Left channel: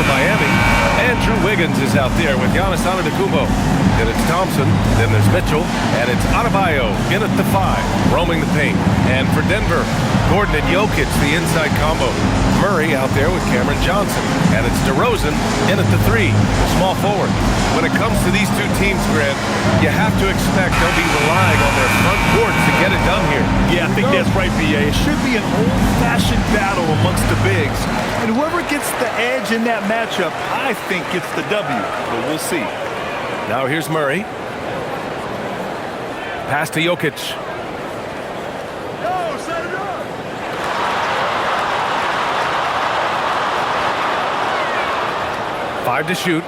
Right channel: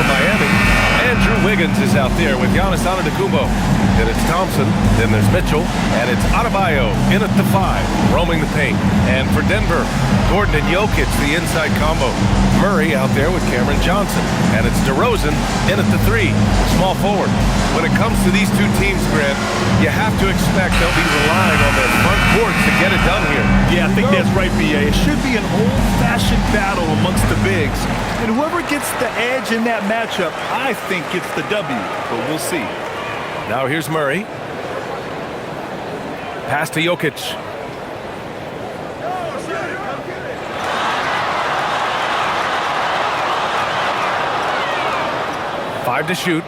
for Miami. Andrew Wiggins is out there with Giannis Antetokounmpo. Then it's Thompson, then there's Mitchell, and it's Adebayo in at the 5, roaming the paint. And for Denver, Gordon and Jokic, the inside combo. Murray out there with Cameron Johnson. And it's DeRozan in at the 3, the small forward. When it comes to these two teams, Grant, you have to expect they'll be relying on their front court to get it done here. Yeah, I think that's right, B.A. It should be an old-fashioned battle amongst the bigs. And whoever gets the edge in that matchup, I think gets the W. But we'll see. Now here's Murray. Pass to Jokic. Five to shoot.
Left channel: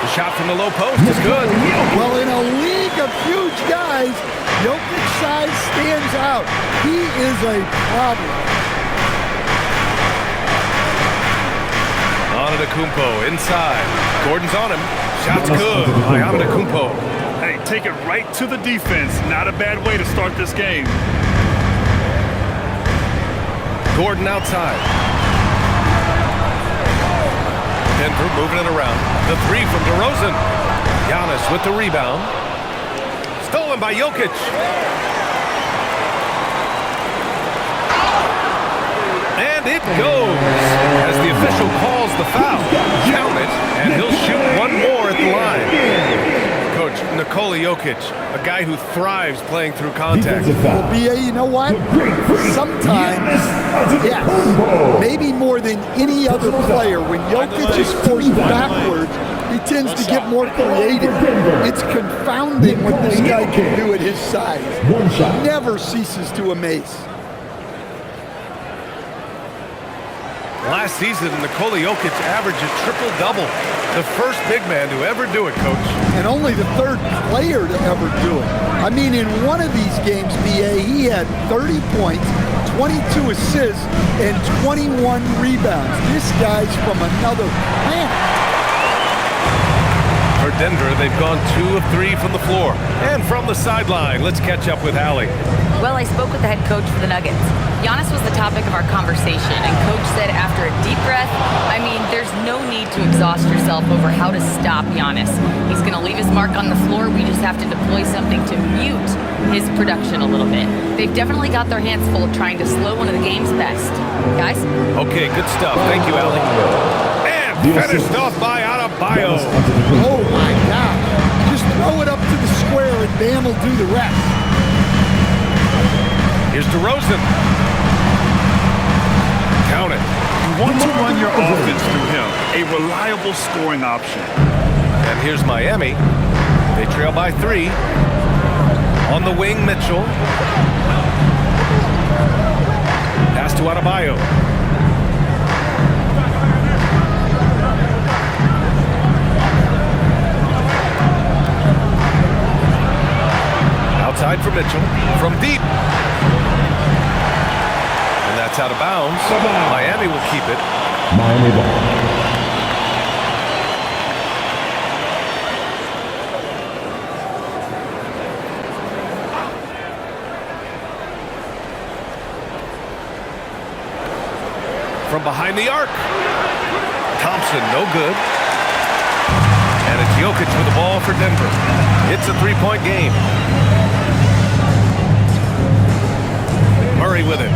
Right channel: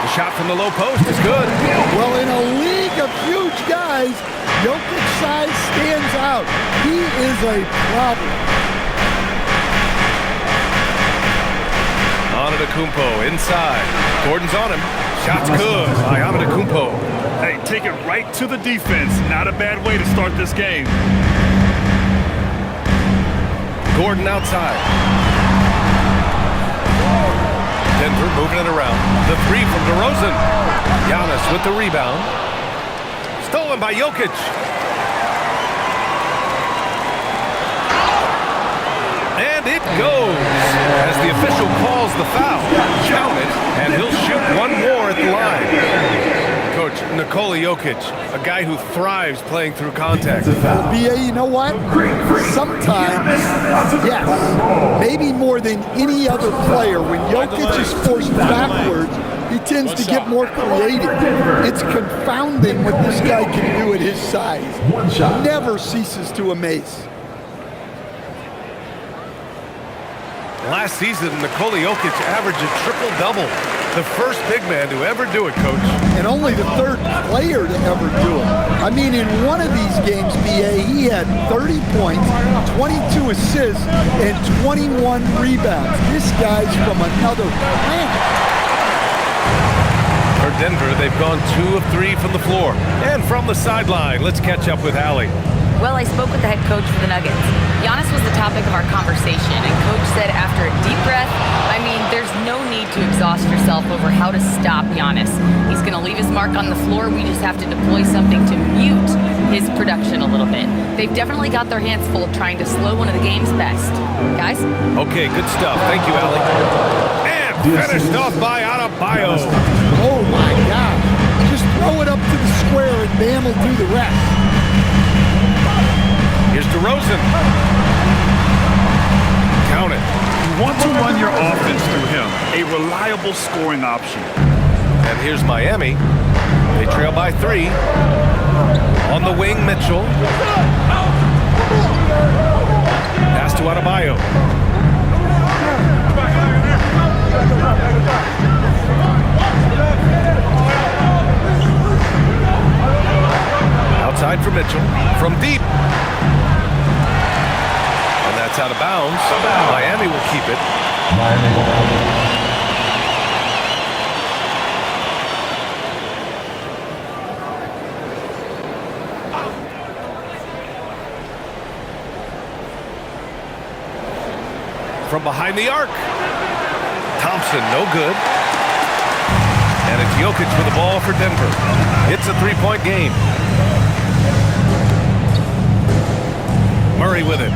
The shot from the low post is good. Well, in a league of huge guys, Jokic's size stands out. He is a problem. Antetokounmpo inside. Gordon's on him. Shot's good by Antetokounmpo. Hey, take it right to the defense. Not a bad way to start this game. Gordon outside. Denver moving it around. The 3 from DeRozan. Giannis with the rebound. Stolen by Jokic. And it goes as the official calls the foul. Count it, and he'll shoot one more at the line. Coach, Nikola Jokic, a guy who thrives playing through contact. Well, B.A., you know what? Sometimes, yes, maybe more than any other player, when Jokic is forced backwards, he tends to get more creative. It's confounding what this guy can do at his size. Never ceases to amaze. Last season, Nikola Jokic averaged a triple-double. The first big man to ever do it, Coach. And only the third player to ever do it. I mean, in one of these games, B.A., he had 30 points, 22 assists, and 21 rebounds. This guy's from another planet. For Denver, they've gone 2 of 3 from the floor. And from the sideline, let's catch up with Allie. Well, I spoke with the head coach for the Nuggets. Giannis was the topic of our conversation, and Coach said after a deep breath, I mean, there's no need to exhaust yourself over how to stop Giannis. He's going to leave his mark on the floor. We just have to deploy something to mute his production a little bit. They've definitely got their hands full trying to slow one of the game's best. Guys? Okay, good stuff. Thank you, Allie. And finished off by Adebayo. Oh, my gosh. Just throw it up to the square, and Bam will do the rest. Here's DeRozan. Count it. You want to run your offense through him, a reliable scoring option. And here's Miami. They trail by 3. On the wing, Mitchell. Pass to Adebayo. Outside for Mitchell. From deep. And that's out of bounds. Miami will keep it. Miami ball. From behind the arc. Thompson, no good. And it's Jokic with the ball for Denver. It's a 3-point game. Murray with it.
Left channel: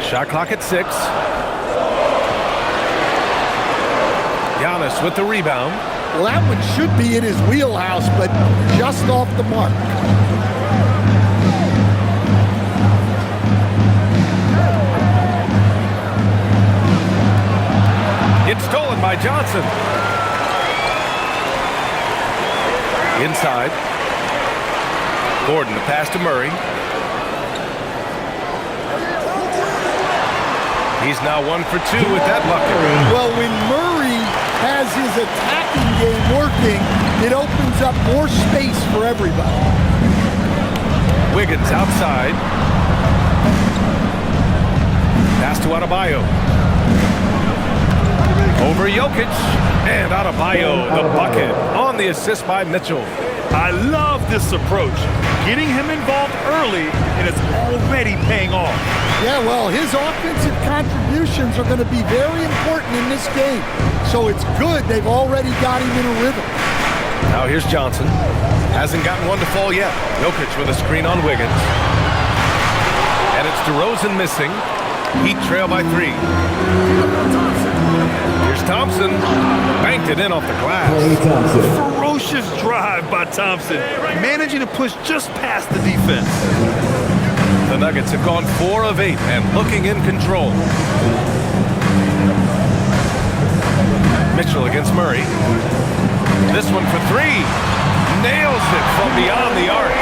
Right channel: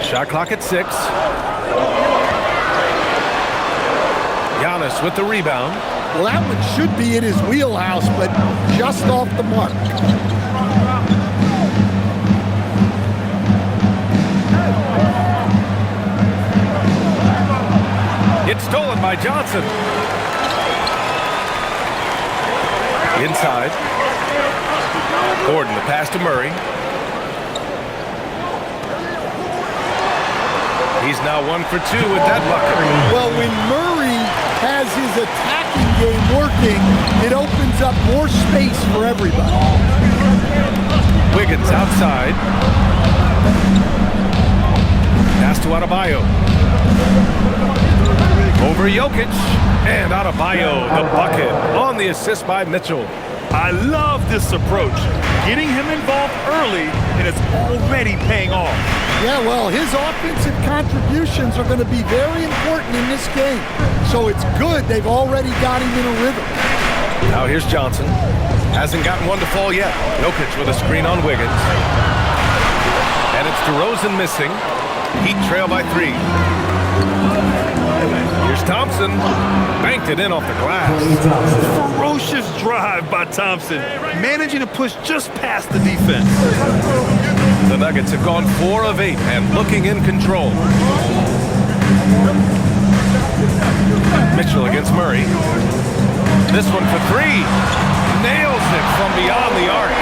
Shot clock at 6. Giannis with the rebound. Well, that one should be in his wheelhouse, but just off the mark. It's stolen by Johnson. Inside. Gordon, the pass to Murray. He's now 1 for 2 with that bucket. Well, when Murray has his attacking game working, it opens up more space for everybody. Wiggins outside. Pass to Adebayo. Over Jokic. And Adebayo, the bucket, on the assist by Mitchell. I love this approach. getting him involved early, and it's already paying off. Yeah, well, his offensive contributions are going to be very important in this game. So it's good they've already got him in a rhythm. Now here's Johnson. Hasn't gotten one to fall yet. Jokic with a screen on Wiggins. And it's DeRozan missing. Heat trail by 3. Here's Thompson. Banked it in off the glass. Ferocious drive by Thompson, managing to push just past the defense. The Nuggets have gone 4 of 8 and looking in control. Mitchell against Murray. This one for 3. Nails it from beyond the arc.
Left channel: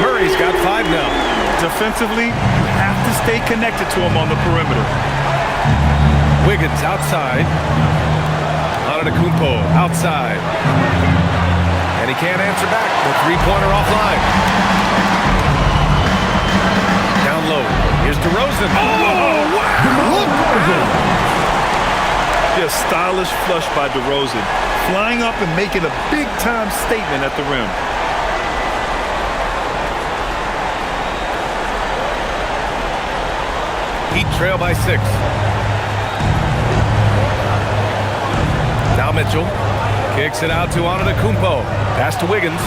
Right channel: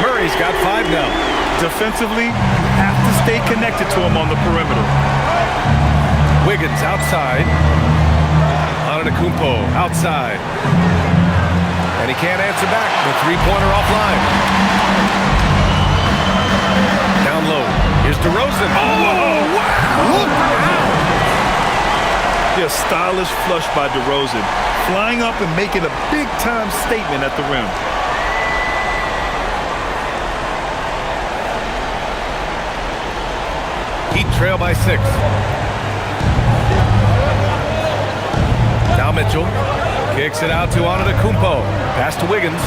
Murray's got 5 now. Defensively, you have to stay connected to him on the perimeter. Wiggins outside. Antetokounmpo outside. And he can't answer back. The three-pointer offline. Down low. Here's DeRozan. Oh, wow! Look out! A stylish flush by DeRozan, flying up and making a big-time statement at the rim. Heat trail by 6. Now Mitchell kicks it out to Antetokounmpo. Pass to Wiggins.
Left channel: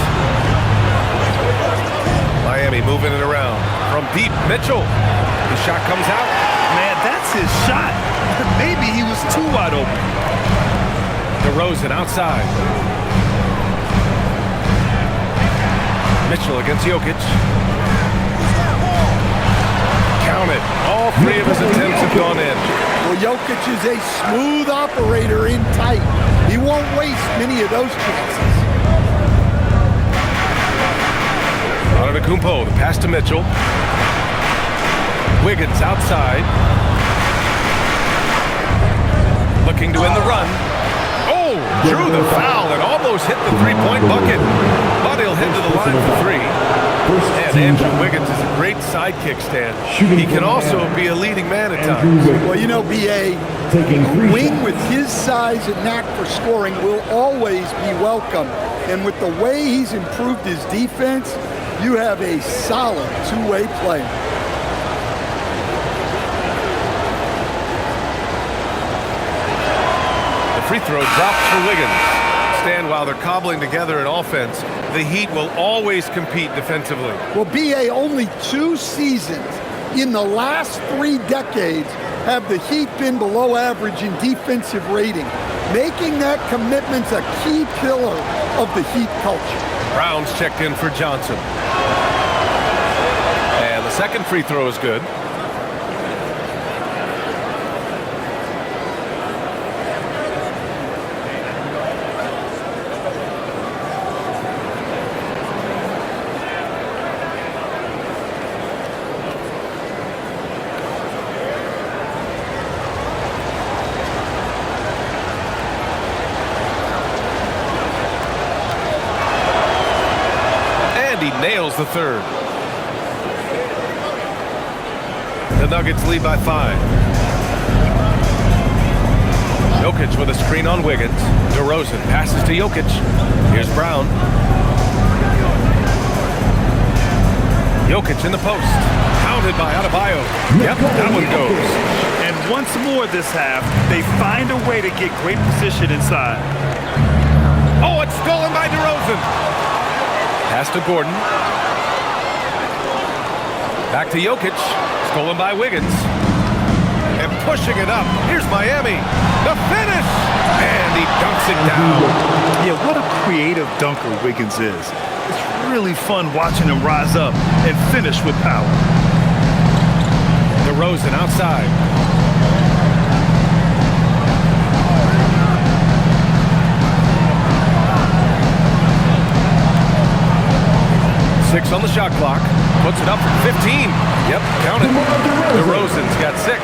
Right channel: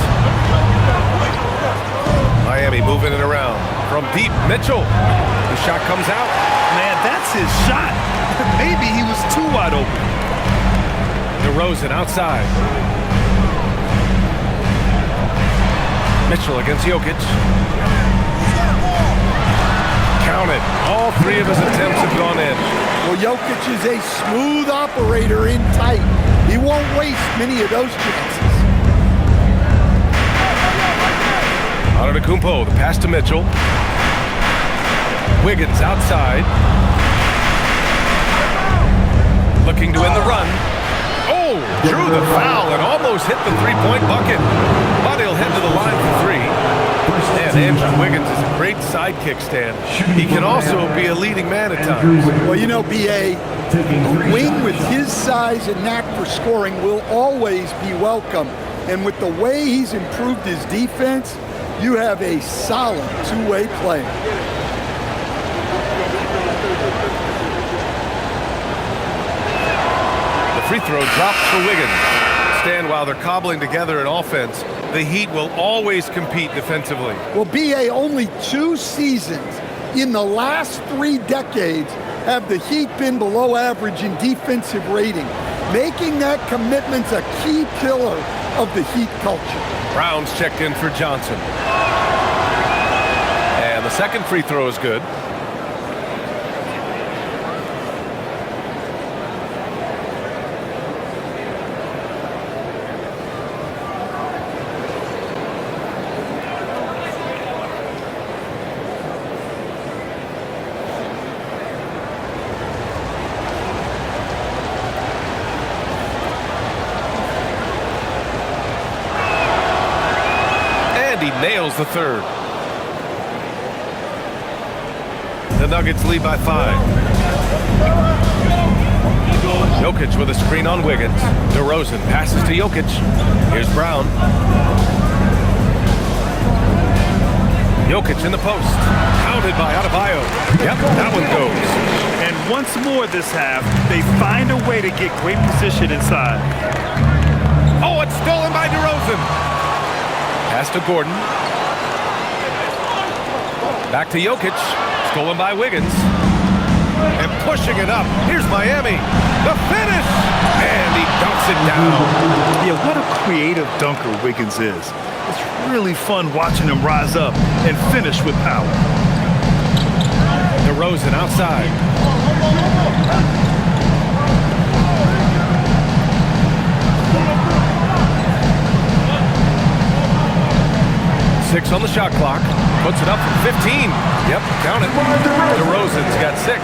Miami moving it around. From deep, Mitchell. The shot comes out. Man, that's his shot. Maybe he was too wide open. DeRozan outside. Mitchell against Jokic. Count it. All 3 of his attempts have gone in. Well, Jokic is a smooth operator in tight. He won't waste many of those chances. Antetokounmpo, the pass to Mitchell. Wiggins outside. Looking to end the run. Oh, drew the foul and almost hit the three-point bucket. But he'll head to the line for 3. And Andrew Wiggins is a great sidekick stand. He can also be a leading man at times. Well, you know, B.A., a wing with his size and knack for scoring will always be welcome. And with the way he's improved his defense, you have a solid two-way player. The free throw drops for Wiggins. Stan, while they're cobbling together an offense, the Heat will always compete defensively. Well, B.A., only 2 seasons in the last 3 decades have the Heat been below average in defensive rating, making that commitment a key pillar of the Heat culture. Brown's checked in for Johnson. And the second free throw is good. He nails the third. The Nuggets lead by 5. Jokic with a screen on Wiggins. DeRozan passes to Jokic. Here's Brown. Jokic in the post. Pounded by Adebayo. Yep, that one goes. And once more this half, they find a way to get great position inside. Oh, it's stolen by DeRozan. Pass to Gordon. Back to Jokic. Stolen by Wiggins. And pushing it up. Here's Miami. The finish! And he dunks it down. Yeah, what a creative dunker Wiggins is. It's really fun watching him rise up and finish with power. DeRozan outside. Six on the shot clock. Puts it up from 15. Yep, count it. DeRozan's got 6.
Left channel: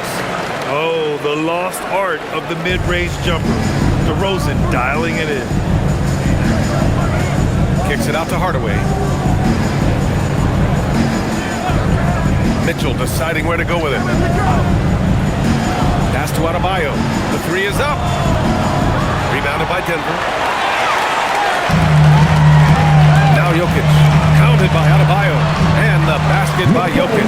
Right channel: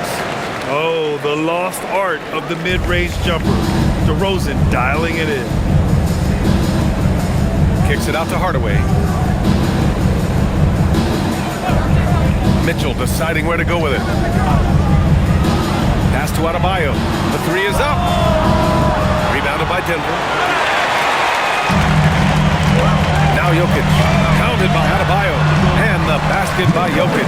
Oh, the lost art of the mid-range jumper. DeRozan dialing it in. Kicks it out to Hardaway. Mitchell deciding where to go with it. Pass to Adebayo. The 3 is up. Rebounded by Denver. Now Now Jokic, pounded by Adebayo, and the basket by Jokic.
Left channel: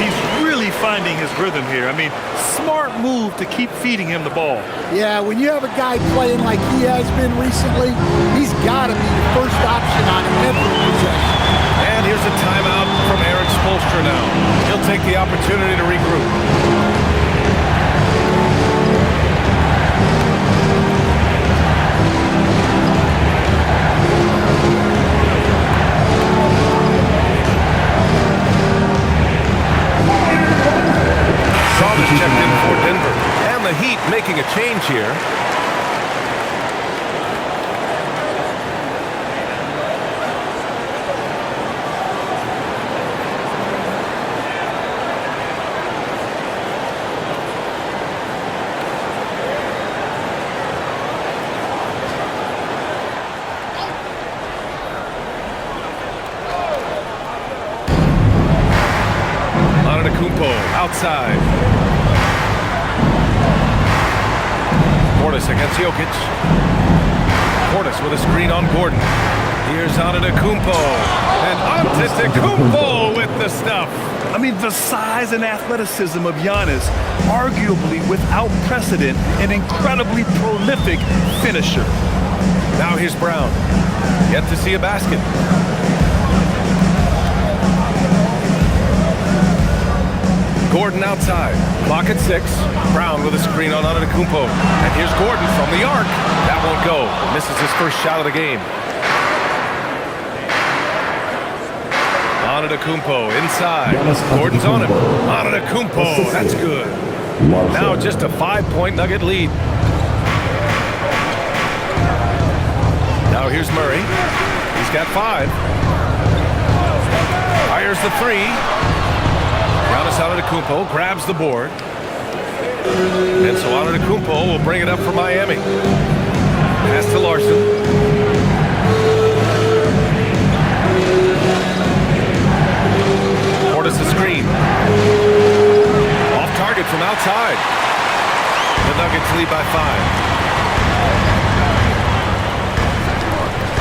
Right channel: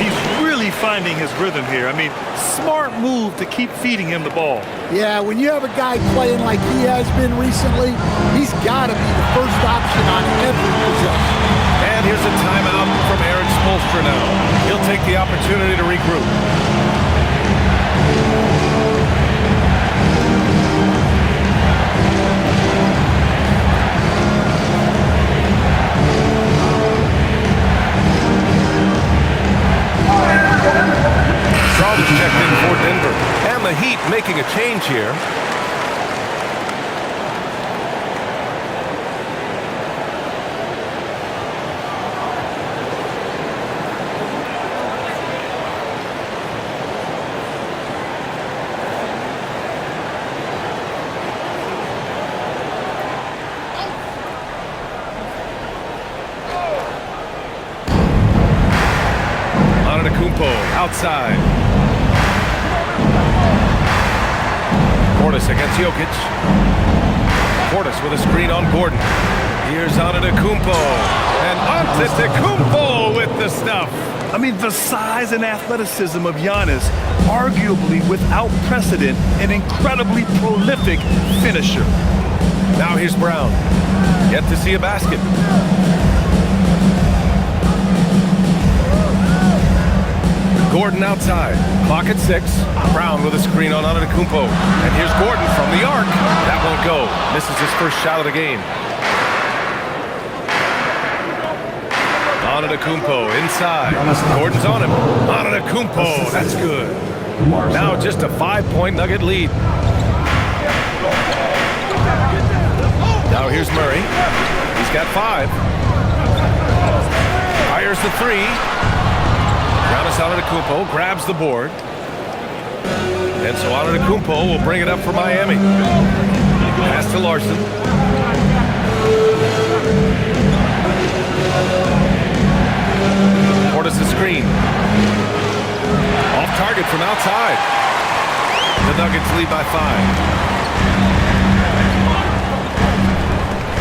He's really finding his rhythm here. I mean, smart move to keep feeding him the ball. Yeah, when you have a guy playing like he has been recently, he's got to be the first option on every possession. And here's a timeout from Eric Spoelstra now. He'll take the opportunity to regroup. Strawther's checked in for Denver. And the Heat making a change here. Antetokounmpo outside. Portis against Jokic. Portis with a screen on Gordon. Here's Antetokounmpo. And Antetokounmpo with the stuff. I mean, the size and athleticism of Giannis, arguably without precedent, an incredibly prolific finisher. Now here's Brown. Yet to see a basket. Gordon outside. Clock at 6. Brown with a screen on Antetokounmpo. And here's Gordon from the arc. That won't go. Misses his first shot of the game. Antetokounmpo inside. Gordon's on him. Antetokounmpo. That's good. Now just a 5-point Nugget lead. Now here's Murray. He's got 5. Fires the 3. Giannis Antetokounmpo grabs the board. And so Antetokounmpo will bring it up for Miami. Pass to Larson. Portis the screen. Off target from outside. The Nuggets lead by 5.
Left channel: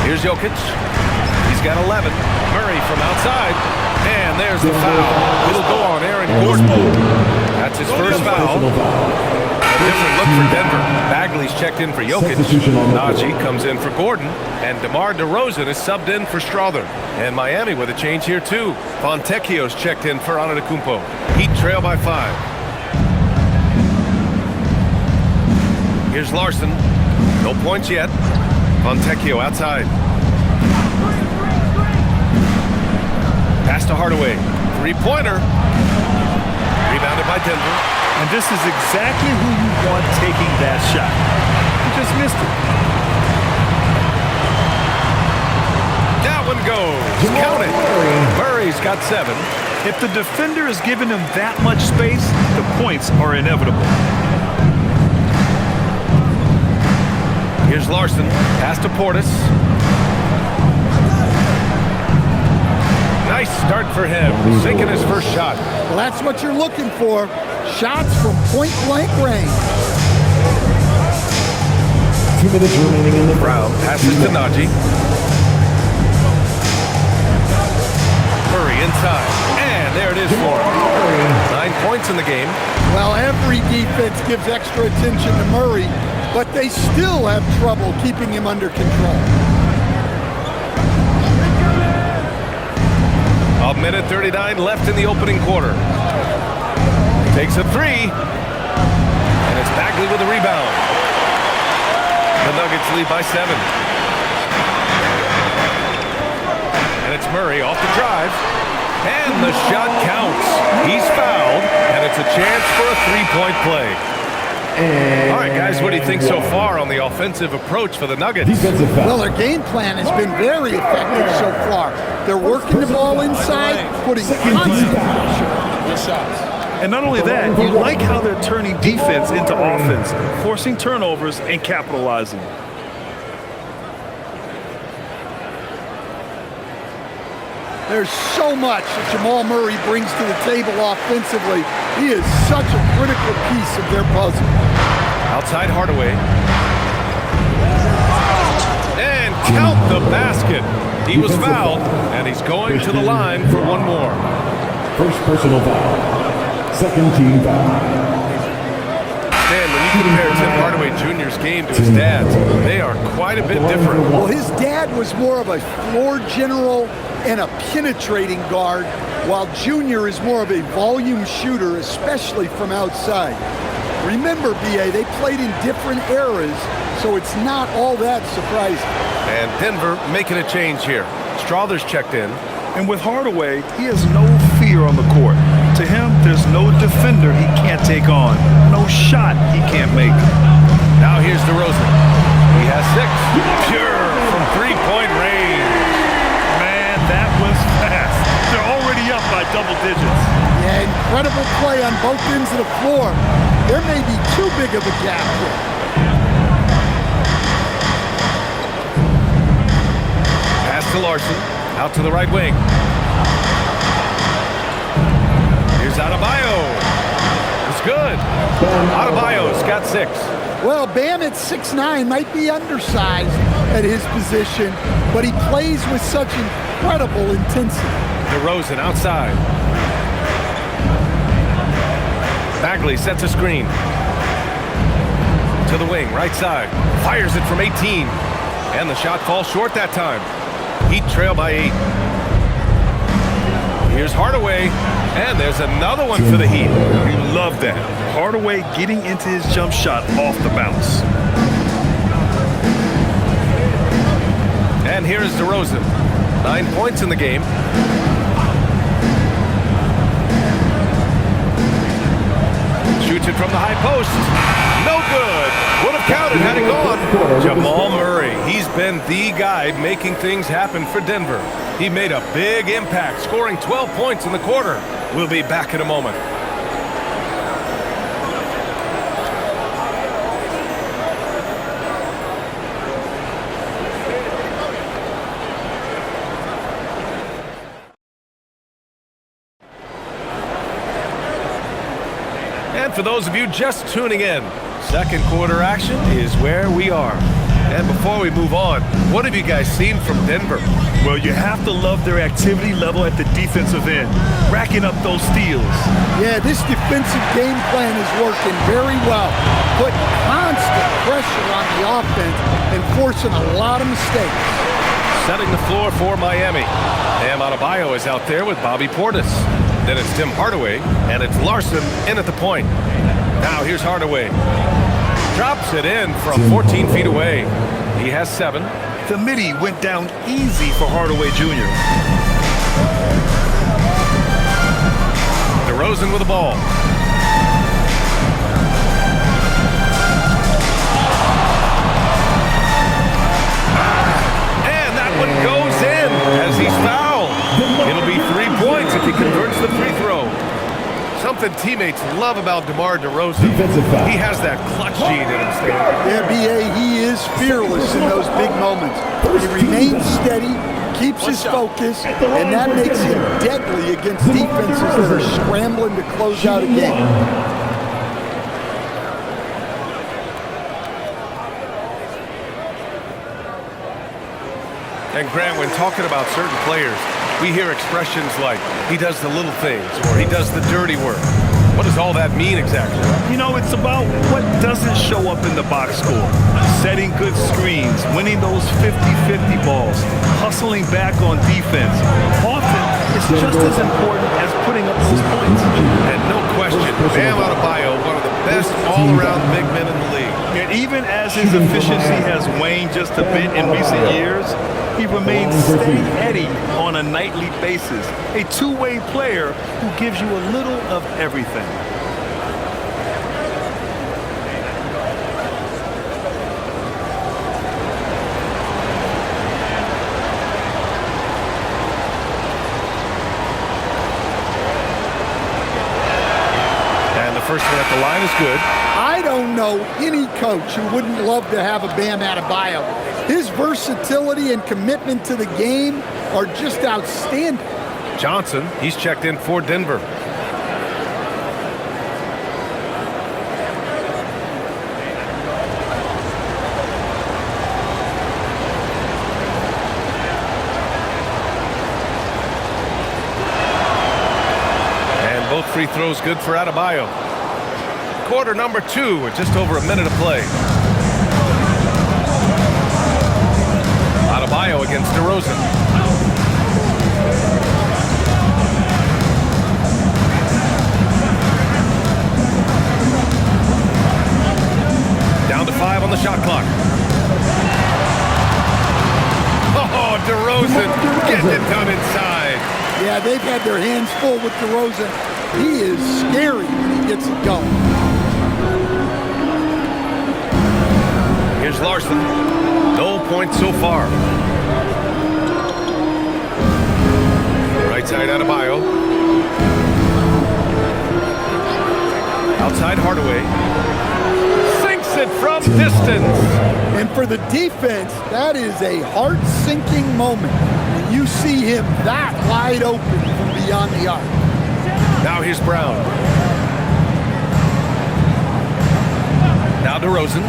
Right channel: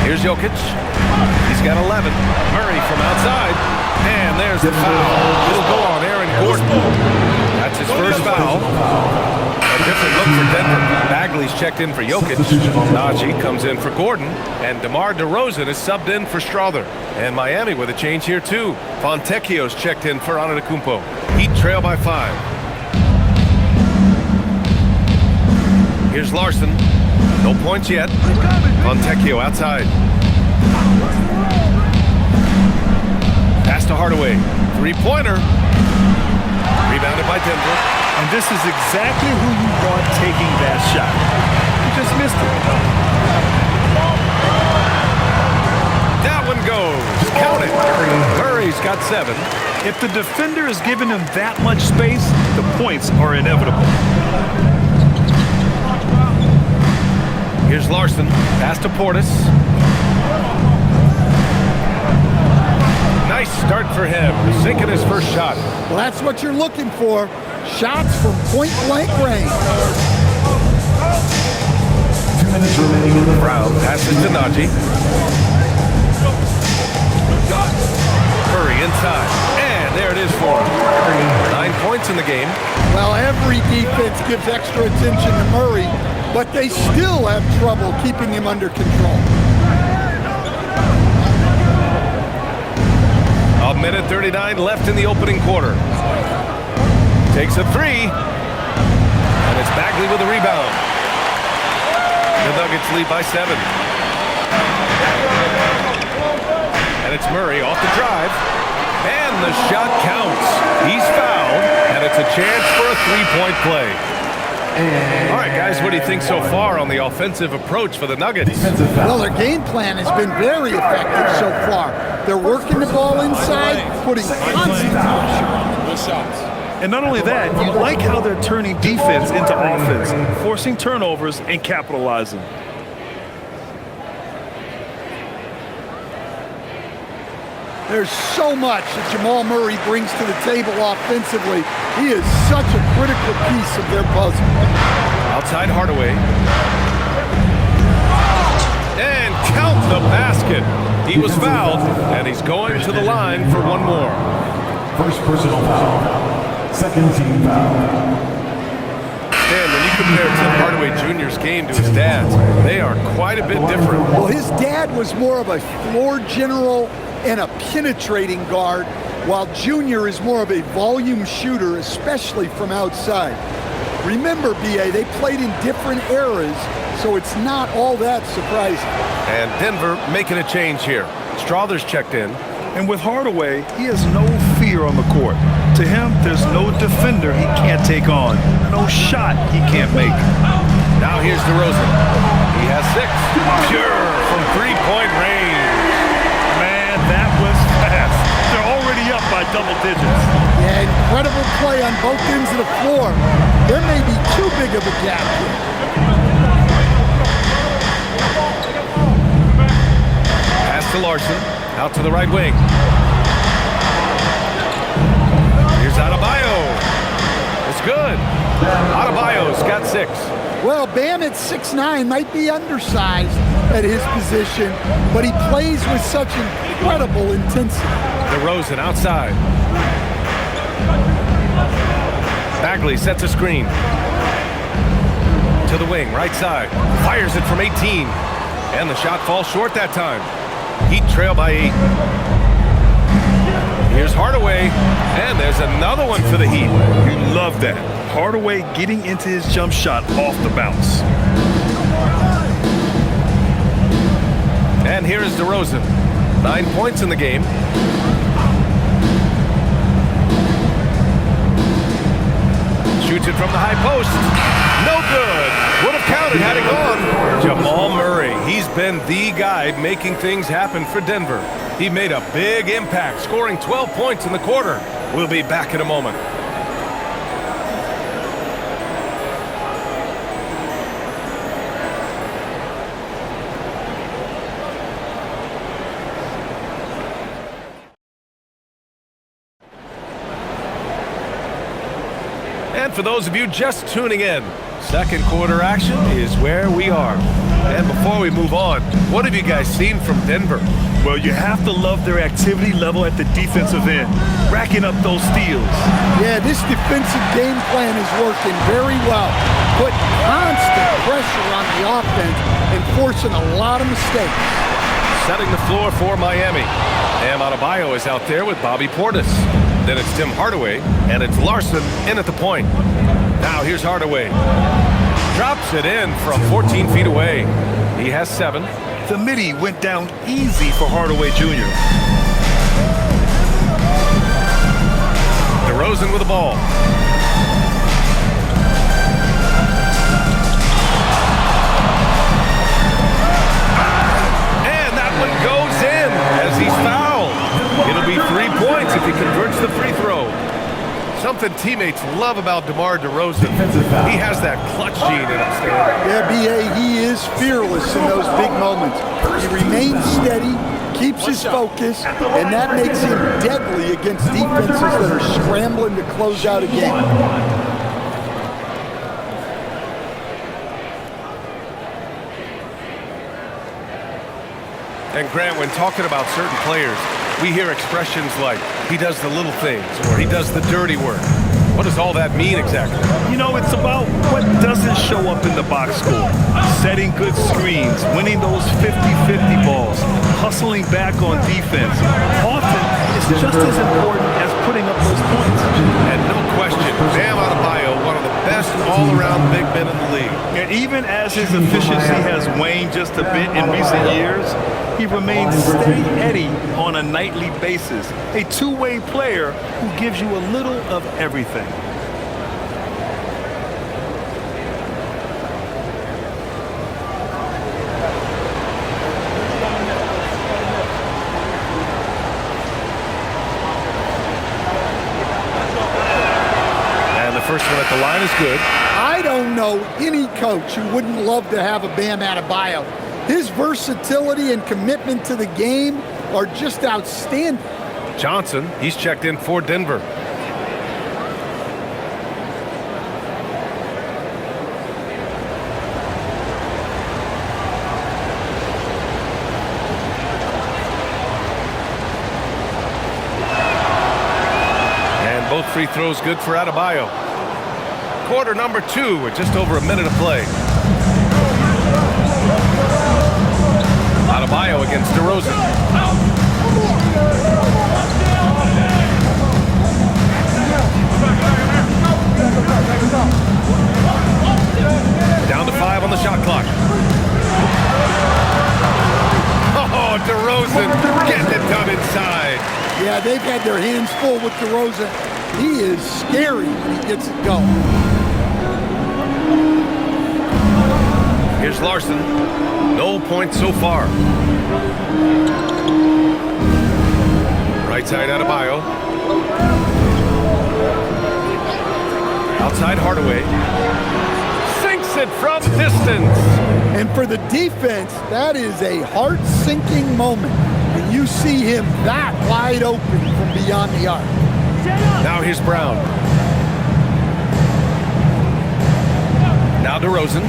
Here's Jokic. He's got 11. Murray from outside. And there's the foul. It'll go on Aaron Gordon. That's his first foul. A different look for Denver. Bagley's checked in for Jokic. Najee comes in for Gordon. And DeMar DeRozan is subbed in for Strawther. And Miami with a change here too. Fontecchio's checked in for Antetokounmpo. Heat trail by 5. Here's Larson. No points yet. Fontecchio outside. Pass to Hardaway. 3-pointer. Rebounded by Denver. And this is exactly who you want taking that shot. You just missed it. That one goes. Count it. Murray's got 7. If the defender is giving him that much space, the points are inevitable. Here's Larson. Pass to Portis. Nice start for him. Sinking his first shot. Well, that's what you're looking for. Shots from point-blank range. 2 minutes remaining in the Brown passes to Najee. Murray inside. And there it is for him. 9 points in the game. Well, every defense gives extra attention to Murray, but they still have trouble keeping him under control. A minute 39 left in the opening quarter. Takes a 3. And it's Bagley with the rebound. The Nuggets lead by 7. And it's Murray off the drive. And the shot counts. He's fouled. And it's a chance for a 3-point play. All right, guys, what do you think so far on the offensive approach for the Nuggets? Well, their game plan has been very effective so far. They're working the ball inside, putting constant pressure on. Good shots. And not only that, you like how they're turning defense into offense, forcing turnovers and capitalizing. There's so much that Jamal Murray brings to the table offensively. He is such a critical piece of their puzzle. Outside Hardaway. And count the basket. He was fouled, and he's going to the line for one more. First personal foul. Second team foul. Dan, when you compare Tim Hardaway Jr.'s game to his dad's, they are quite a bit different. Well, his dad was more of a floor general and a penetrating guard, while Junior is more of a volume shooter, especially from outside. Remember, B.A., they played in different eras, so it's not all that surprising. And Denver making a change here. Strother's checked in. And with Hardaway, he has no fear on the court. To him, there's no defender he can't take on, no shot he can't make. Now here's DeRozan. He has 6. Pure from three-point range. Man, that was fast. They're already up by double digits. Yeah, incredible play on both ends of the floor. There may be too big of a gap here. Pass to Larson. Out to the right wing. Here's Adebayo. It's good. Adebayo's got 6. Well, Bam at 6'9" might be undersized at his position, but he plays with such incredible intensity. DeRozan outside. Bagley sets a screen. To the wing, right side. Fires it from 18. And the shot falls short that time. Heat trail by 8. Here's Hardaway. And there's another one for the Heat. You love that. Hardaway getting into his jump shot off the bounce. And here is DeRozan. 9 points in the game. Shoots it from the high post. No good. Would have counted had it gone. Jamal Murray. He's been the guy making things happen for Denver. He made a big impact, scoring 12 points in the quarter. We'll be back in a moment. And for those of you just tuning in, second quarter action is where we are. And before we move on, what have you guys seen from Denver? Well, you have to love their activity level at the defensive end, racking up those steals. Yeah, this defensive game plan is working very well, putting constant pressure on the offense and forcing a lot of mistakes. Setting the floor for Miami. Bam Adebayo is out there with Bobby Portis. Then it's Tim Hardaway, and it's Larson in at the point. Now here's Hardaway. Drops it in from 14 feet away. He has 7. The midi went down easy for Hardaway Jr. DeRozan with the ball. And that one goes in as he's fouled. It'll be 3 points if he converts the free throw. Something teammates love about DeMar DeRozan. He has that clutch gene in him, Stan. Yeah, B.A., he is fearless in those big moments. He remains steady, keeps his focus, and that makes him deadly against defenses that are scrambling to close out a game. And Grant, when talking about certain players, we hear expressions like, he does the little things, or he does the dirty work. What does all that mean exactly? You know, it's about what doesn't show up in the box score. Setting good screens, winning those 50-50 balls, hustling back on defense. Often, it's just as important as putting up those points. And no question, Bam Adebayo, one of the best all-around big men in the league. And even as his efficiency has waned just a bit in recent years, he remains steady Eddie on a nightly basis. A two-way player who gives you a little of everything. And the first one at the line is good. I don't know any coach who wouldn't love to have a Bam Adebayo. His versatility and commitment to the game are just outstanding. Johnson, he's checked in for Denver. both free throws good for Adebayo. Quarter number 2 with just over a minute of play. Adebayo against DeRozan. Down to 5 on the shot clock. Oh, DeRozan getting it done inside. Yeah, they've had their hands full with DeRozan. He is scary when he gets it going. Here's Larson. No points so far. Right side Adebayo. Outside Hardaway. Sinks it from distance. And for the defense, that is a heart-sinking moment when you see him that wide open from beyond the arc. Now here's Brown. Now DeRozan.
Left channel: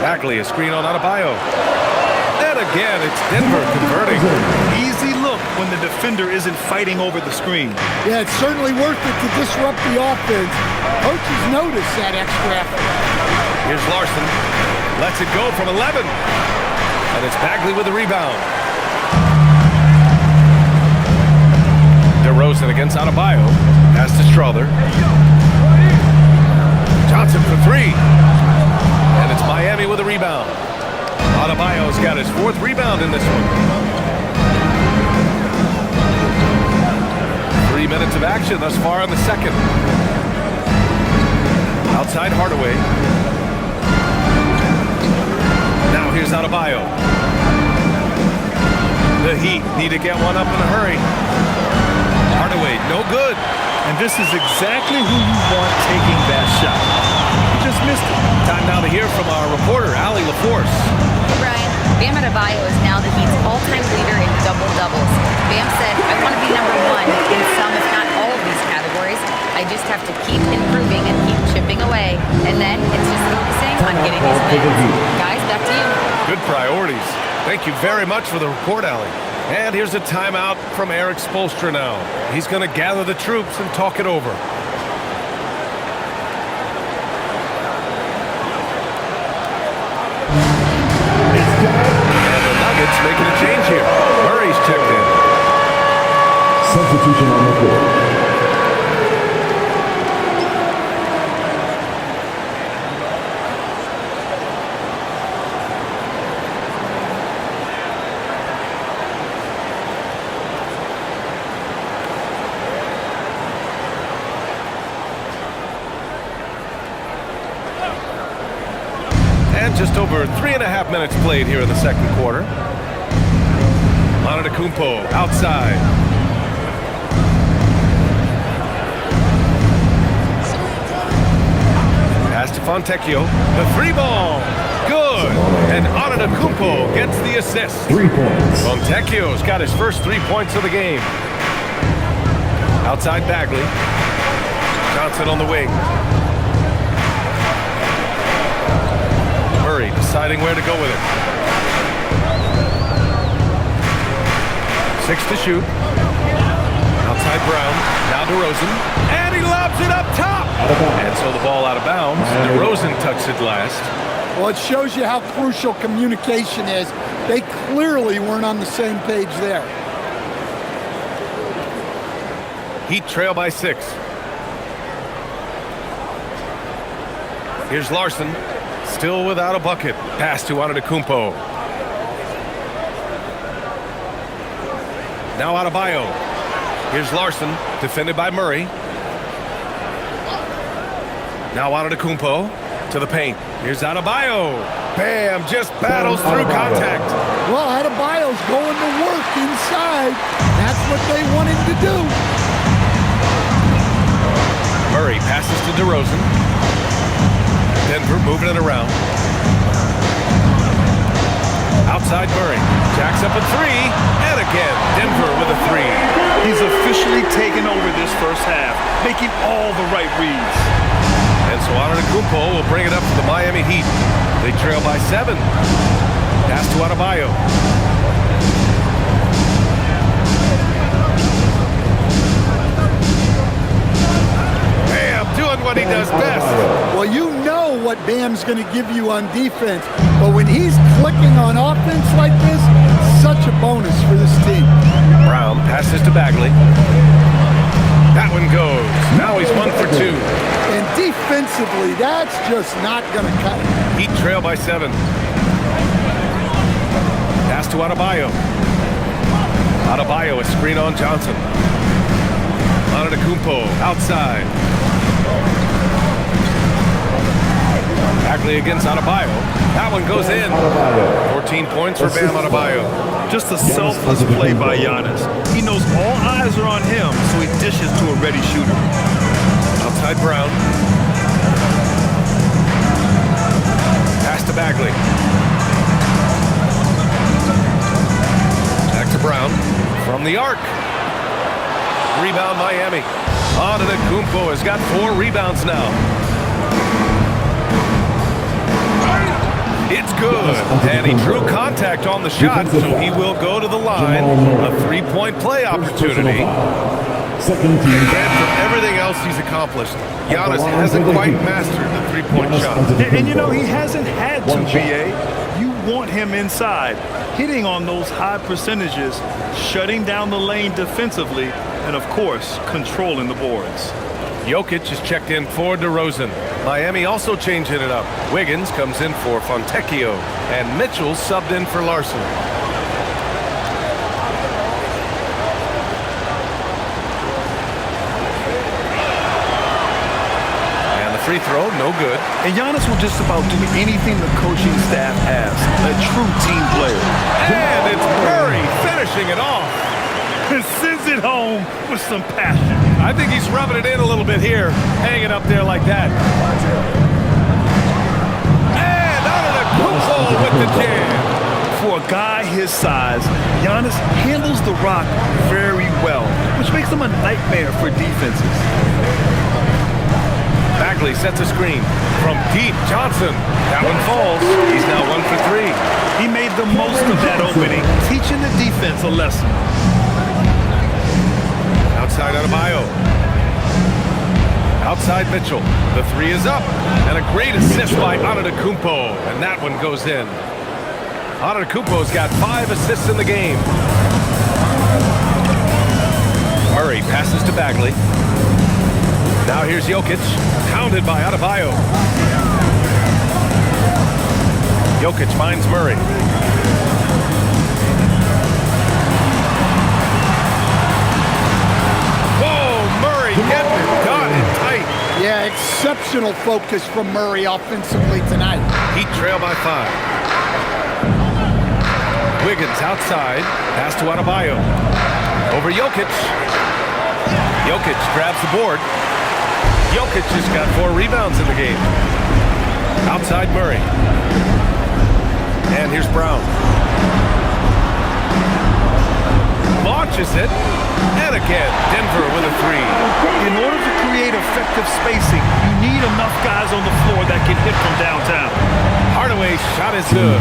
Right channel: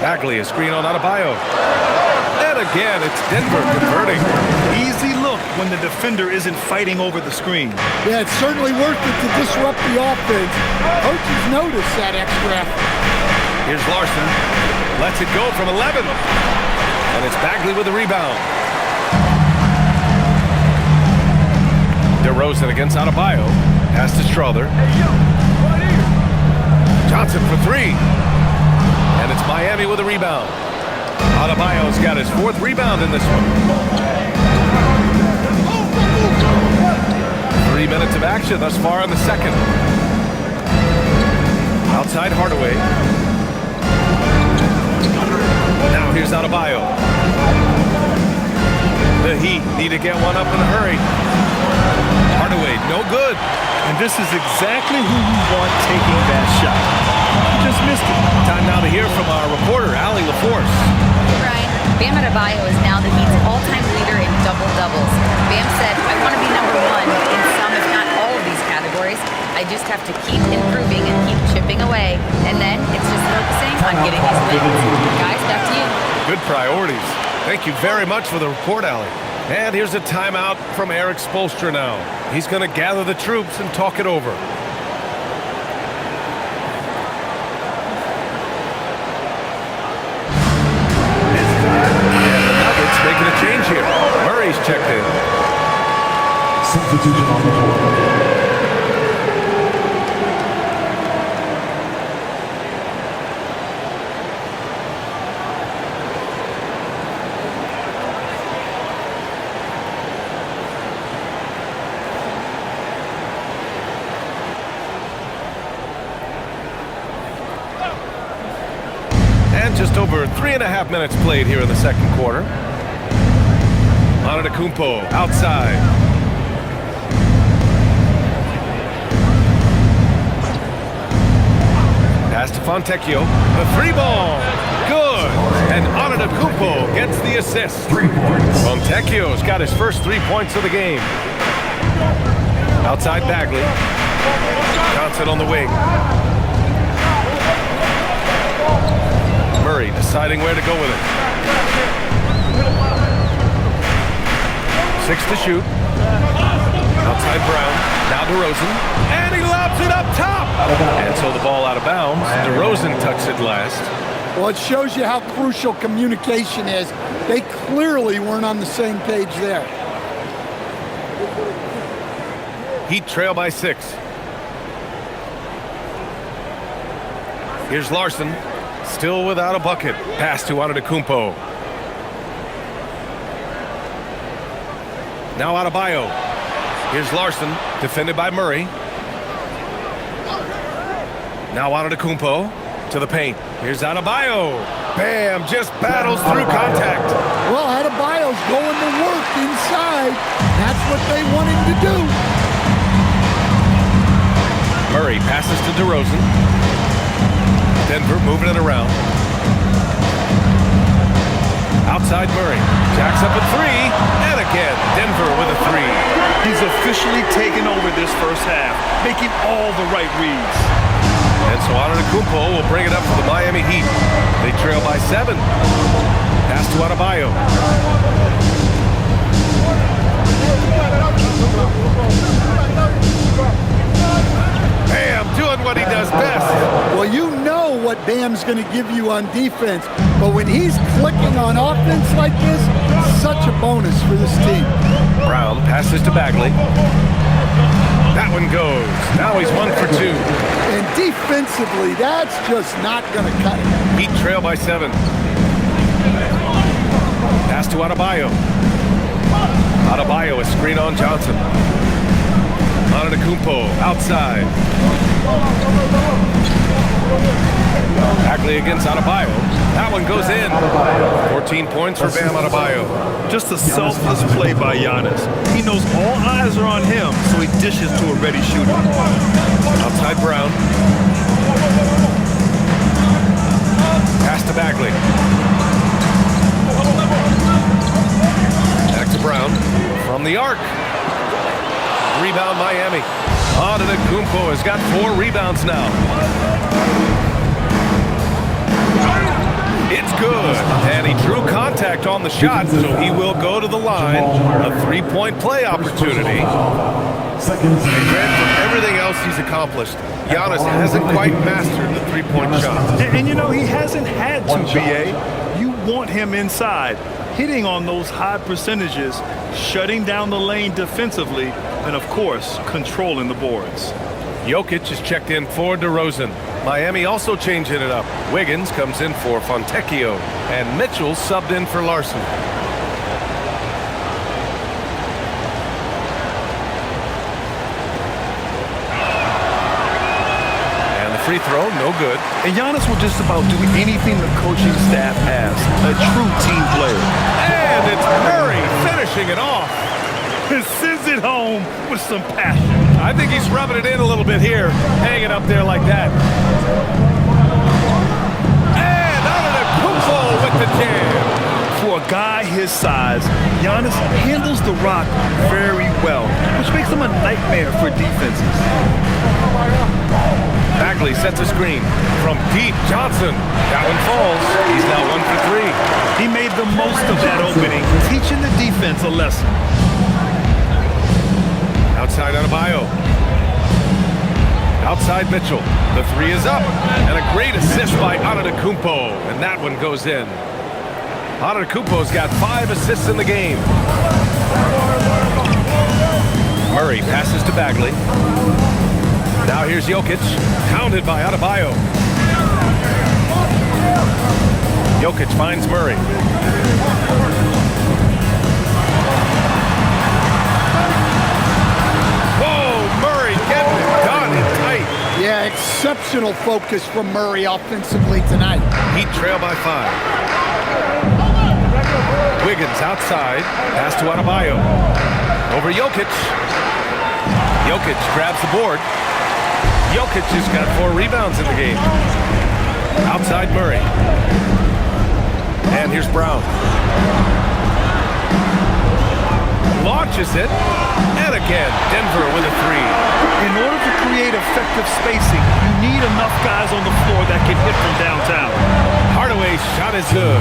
Bagley, a screen on Adebayo. And again, it's Denver converting. Easy look when the defender isn't fighting over the screen. Yeah, it's certainly worth it to disrupt the offense. Coaches notice that extra effort. Here's Larson. Lets it go from 11. And it's Bagley with the rebound. DeRozan against Adebayo. Pass to Strother. Johnson for 3. And it's Miami with a rebound. Adebayo's got his 4th rebound in this one. 3 minutes of action thus far in the second. Outside Hardaway. Now here's Adebayo. The Heat need to get one up in a hurry. Hardaway, no good. And this is exactly who you want taking that shot. He just missed it. Time now to hear from our reporter, Allie LaForce. Hey, Brian. Bam Adebayo is now the Heat's all-time leader in double-doubles. Bam said, I want to be number 1 in some, if not all of these categories. I just have to keep improving and keep chipping away. And then it's just focusing on getting these wins. Guys, back to you. Good priorities. Thank you very much for the report, Allie. And here's a timeout from Eric Spoelstra now. He's going to gather the troops and talk it over. And the Nuggets making a change here. Murray's checked in. Substitution on the court. And just over 3.5 minutes played here in the second quarter. Antetokounmpo outside. Pass to Fontecchio. The 3-ball. Good. And Antetokounmpo gets the assist. 3 points. Fontecchio's got his first 3 points of the game. Outside Bagley. Johnson on the wing. Murray deciding where to go with it. 6 to shoot. Outside Brown. Now DeRozan. And he lobs it up top. And so the ball out of bounds. DeRozan tucks it last. Well, it shows you how crucial communication is. They clearly weren't on the same page there. Heat trail by 6. Here's Larson. Still without a bucket. Pass to Antetokounmpo. Now Adebayo. Here's Larson, defended by Murray. Now Antetokounmpo to the paint. Here's Adebayo. Bam, just battles through contact. Well, Adebayo's going to work inside. That's what they want him to do. Murray passes to DeRozan. Denver moving it around. Outside Murray. Jacks up a 3. And again, Denver with a 3. He's officially taken over this first half, making all the right reads. And so Antetokounmpo will bring it up for the Miami Heat. They trail by 7. Pass to Adebayo. Bam doing what he does best. Well, you know what Bam's going to give you on defense, but when he's clicking on offense like this, such a bonus for this team. Brown passes to Bagley. That one goes. Now he's 1 for 2. And defensively, that's just not going to cut it. Heat trail by 7. Pass to Adebayo. Adebayo, a screen on Johnson. Antetokounmpo outside. Bagley against Adebayo. That one goes in. 14 points for Bam Adebayo. Just a selfless play by Giannis. He knows all eyes are on him, so he dishes to a ready shooter. Outside Brown. Pass to Bagley. Back to Brown. From the arc. Rebound Miami. Antetokounmpo has got 4 rebounds now. It's good. And he drew contact on the shot, so he will go to the line. A 3-point play opportunity. Second team. And Grant, for everything else he's accomplished, Giannis hasn't quite mastered the 3-point shot. And you know, he hasn't had to, BA. You want him inside, hitting on those high percentages, shutting down the lane defensively, and of course, controlling the boards. Jokic is checked in for DeRozan. Miami also changing it up. Wiggins comes in for Fontecchio, and Mitchell subbed in for Larson. And the free throw, no good. And Giannis will just about do anything the coaching staff asks. A true team player. And it's Murray finishing it off. And sends it home with some passion. I think he's rubbing it in a little bit here, hanging up there like that. And Antetokounmpo with the jam. For a guy his size, Giannis handles the rock very well, which makes him a nightmare for defenses. Bagley sets a screen. From deep, Johnson. That one falls. He's now 1 for 3. He made the most of that opening, teaching the defense a lesson. Outside Adebayo. Outside Mitchell. The 3 is up. And a great assist by Antetokounmpo. And that one goes in. Antetokounmpo's got 5 assists in the game. Murray passes to Bagley. Now here's Jokic. Hounded by Adebayo. Jokic finds Murray. Murray getting it done and tight. Yeah, exceptional focus from Murray offensively tonight. Heat trail by 5. Wiggins outside. Pass to Adebayo. Over Jokic. Jokic grabs the board. Jokic just got 4 rebounds in the game. Outside Murray. And here's Brown. Launches it. And again, Denver with a 3. In order to create effective spacing, you need enough guys on the floor that can hit from downtown. Hardaway's shot is good.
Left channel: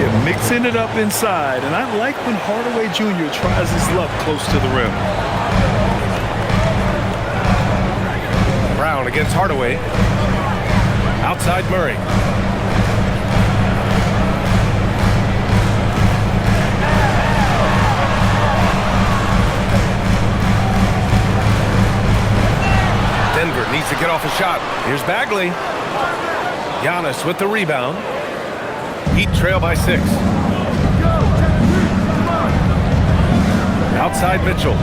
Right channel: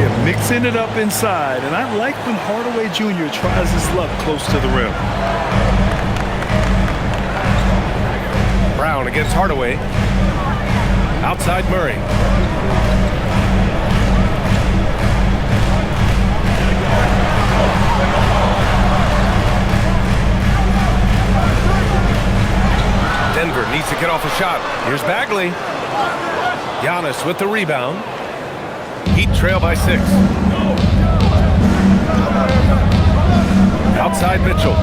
Yeah, mixing it up inside, and I like when Hardaway Jr. tries his luck close to the rim. Brown against Hardaway. Outside Murray. Denver needs to get off a shot. Here's Bagley. Giannis with the rebound. Heat trail by 6. Outside Mitchell.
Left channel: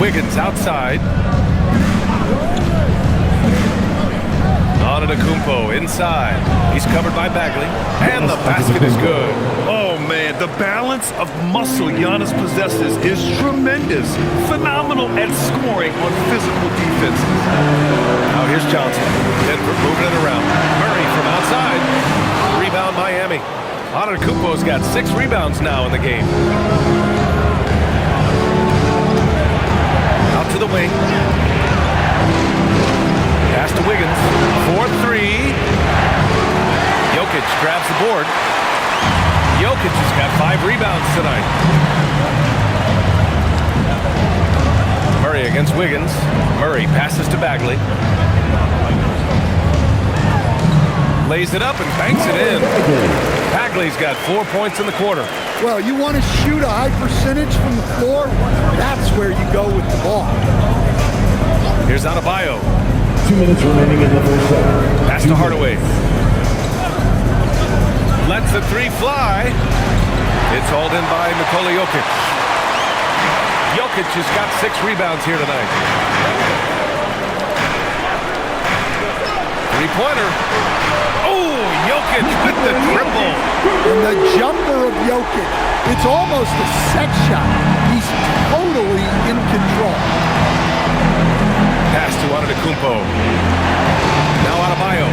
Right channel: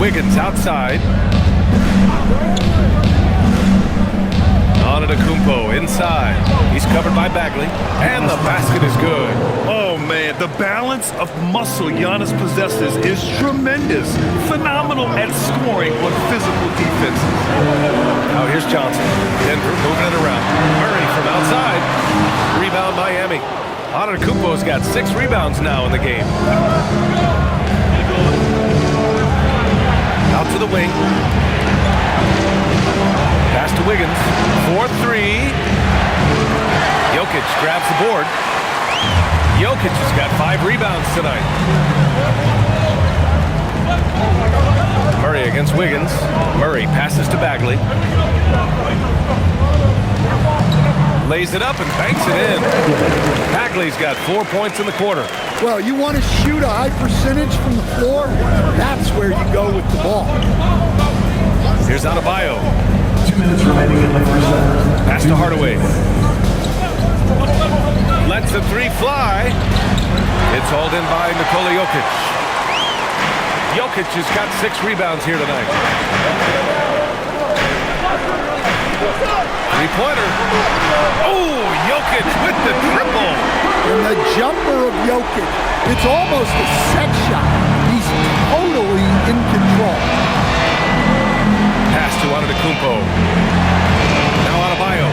Wiggins outside. Antetokounmpo inside. He's covered by Bagley. And the basket is good. Oh, man, the balance of muscle Giannis possesses is tremendous. Phenomenal at scoring on physical defenses. Now here's Johnson. Denver moving it around. Murray from outside. Rebound Miami. Antetokounmpo's got 6 rebounds now in the game. Out to the wing. Pass to Wiggins. 4-3. Jokic grabs the board. Jokic has got 5 rebounds tonight. Murray against Wiggins. Murray passes to Bagley. Lays it up and banks it in. Bagley's got 4 points in the quarter. Well, you want to shoot a high percentage from the floor? That's where you go with the ball. Here's Adebayo. 2 minutes remaining in the first set. Pass to Hardaway. Lets the three fly. It's hauled in by Nikola Jokic. Jokic has got 6 rebounds here tonight. Three-pointer. Oh, Jokic with the triple. And the jumper of Jokic, it's almost a set shot. He's totally in control. Pass to Antetokounmpo. Now Adebayo.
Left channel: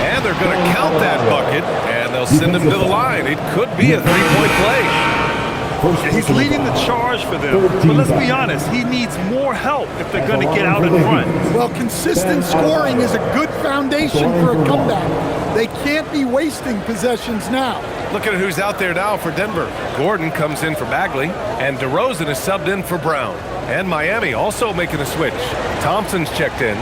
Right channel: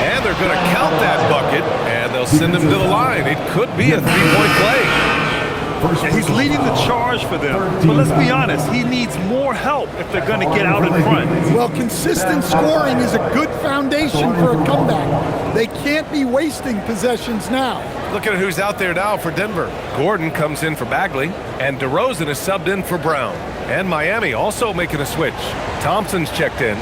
And they're going to count that bucket, and they'll send him to the line. It could be a three-point play. He's leading the charge for them. But let's be honest, he needs more help if they're going to get out in front. Well, consistent scoring is a good foundation for a comeback. They can't be wasting possessions now. Look at who's out there now for Denver. Gordon comes in for Bagley, and DeRozan is subbed in for Brown. And Miami also making a switch. Thompson's checked in.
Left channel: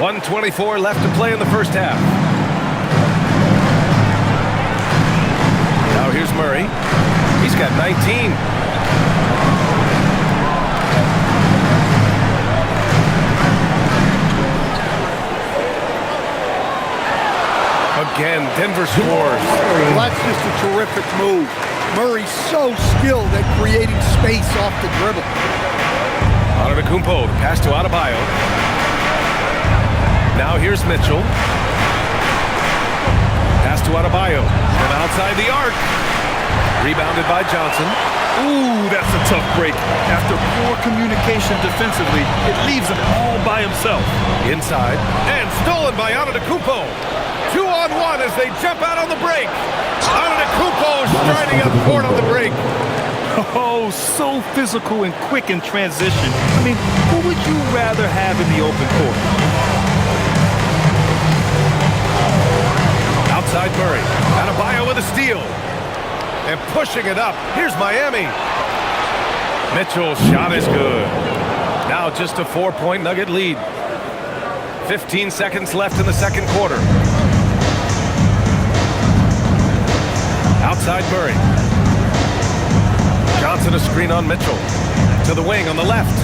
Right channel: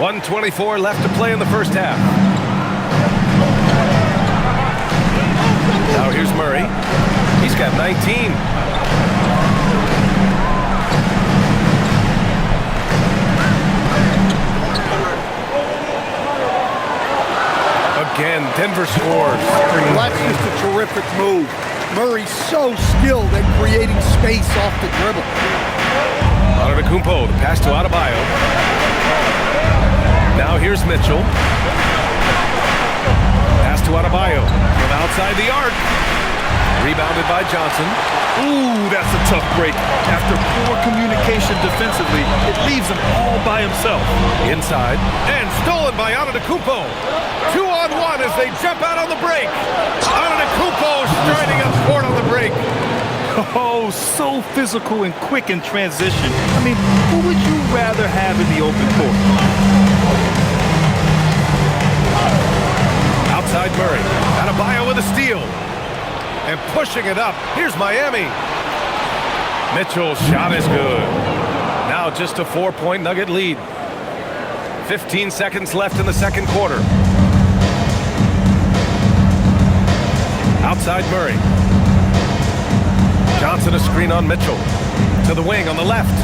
.124 left to play in the first half. Now here's Murray. He's got 19. Again, Denver scores. Well, that's just a terrific move. Murray's so skilled at creating space off the dribble. Antetokounmpo, the pass to Adebayo. Now here's Mitchell. Pass to Adebayo from outside the arc. Rebounded by Johnson. Ooh, that's a tough break. After poor communication defensively, it leaves him all by himself. Inside. And stolen by Antetokounmpo. 2-on-1 as they jump out on the break. Antetokounmpo striding up court on the break. Oh, so physical and quick in transition. I mean, who would you rather have in the open court? Outside Murray. Adebayo with a steal. And pushing it up. Here's Miami. Mitchell's shot is good. Now just a 4-point Nugget lead. 15 seconds left in the second quarter. Outside Murray. Johnson a screen on Mitchell. To the wing on the left.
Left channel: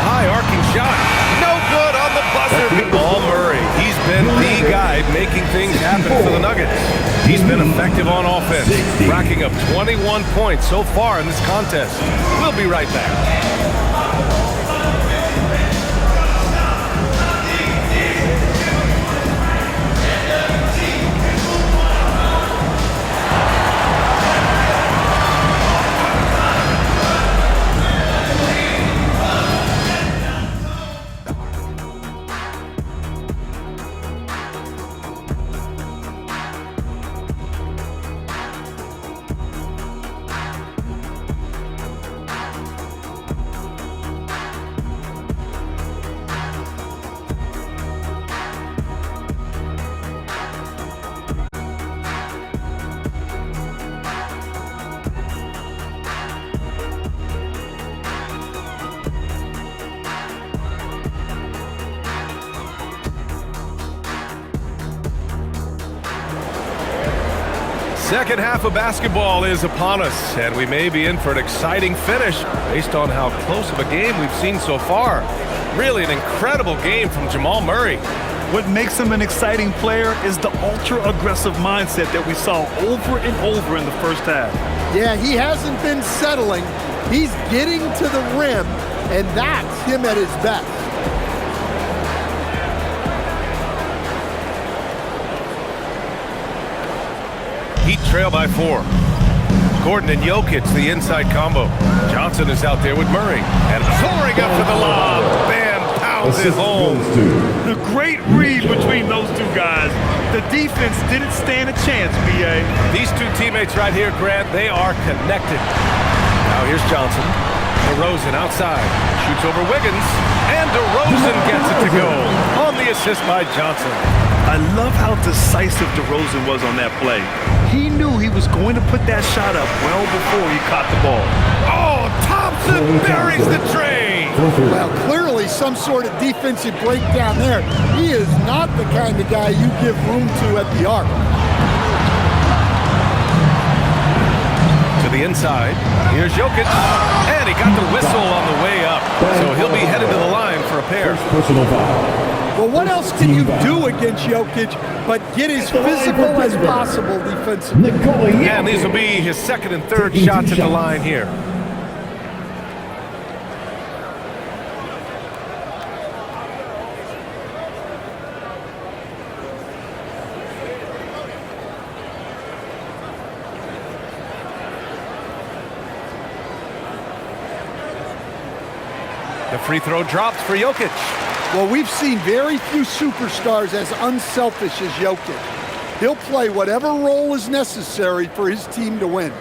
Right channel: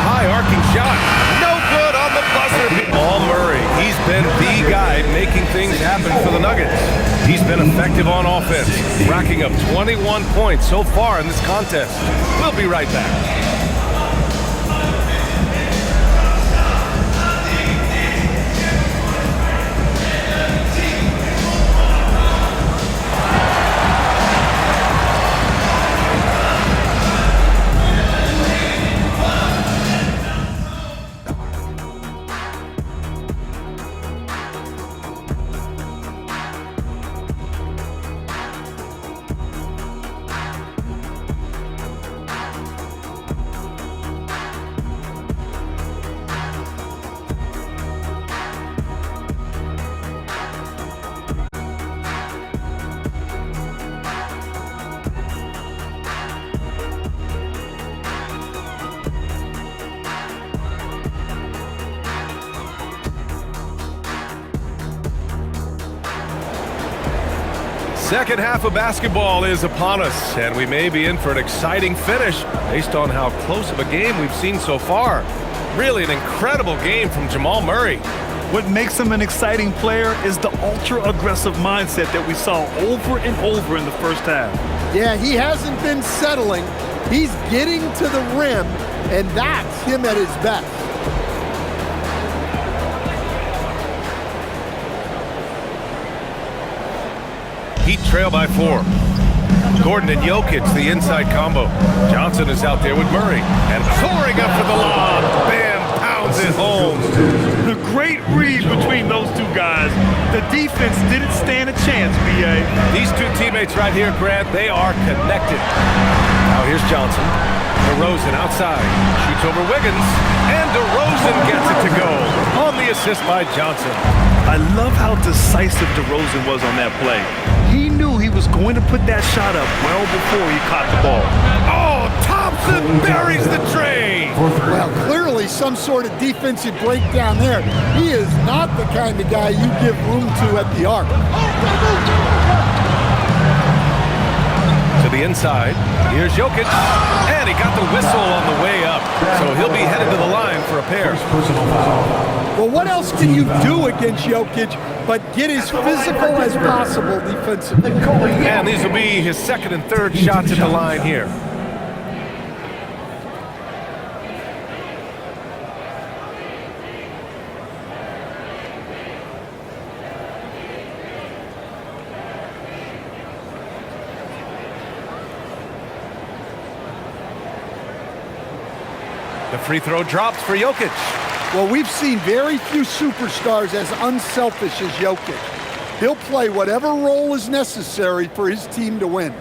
High arcing shot. No good on the buzzer. All Murray. He's been the guy making things happen for the Nuggets. He's been effective on offense, racking up 21 points so far in this contest. We'll be right back. Second half of basketball is upon us, and we may be in for an exciting finish based on how close of a game we've seen so far. Really an incredible game from Jamal Murray. What makes him an exciting player is the ultra-aggressive mindset that we saw over and over in the first half. Yeah, he hasn't been settling. He's getting to the rim, and that's him at his best. Heat trail by 4. Gordon and Jokic, the inside combo. Johnson is out there with Murray. And soaring up for the lob. Bam, pow. pounds it home. The great read between those two guys. The defense didn't stand a chance, B.A. These two teammates right here, Grant, they are connected. Now here's Johnson. DeRozan outside. Shoots over Wiggins. And DeRozan gets it to go on the assist by Johnson. I love how decisive DeRozan was on that play. He knew he was going to put that shot up well before he caught the ball. Oh, Thompson buries the tray. Well, clearly some sort of defensive breakdown there. He is not the kind of guy you give room to at the arc. To the inside. Here's Jokic. And he got the whistle on the way up. So he'll be headed to the line for a pair. Personal foul. Well, what else can you do against Jokic but get as physical as possible defensively? And these will be his second and third shots at the line here. The free throw drops for Jokic. Well, we've seen very few superstars as unselfish as Jokic. He'll play whatever role is necessary for his team to win.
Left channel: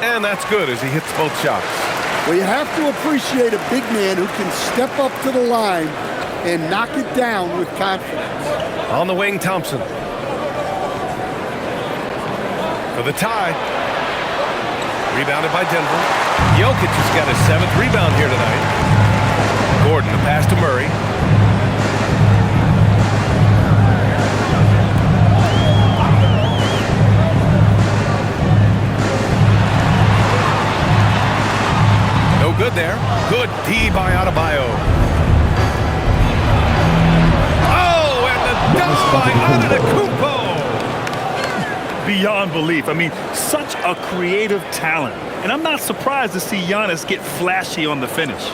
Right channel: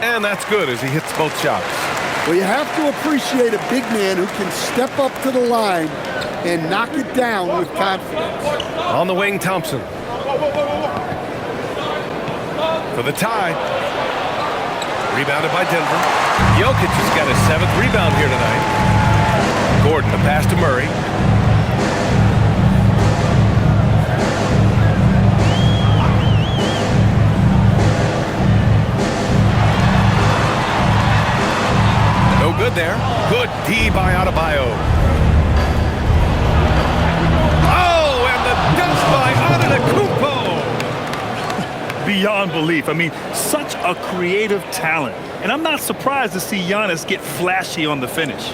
And that's good as he hits both shots. Well, you have to appreciate a big man who can step up to the line and knock it down with confidence. On the wing, Thompson. For the tie. Rebounded by Denver. Jokic has got his 7th rebound here tonight. Gordon, the pass to Murray. No good there. Good D by Adebayo. Oh, and the dunk by Antetokounmpo. Beyond belief. I mean, such a creative talent. And I'm not surprised to see Giannis get flashy on the finish.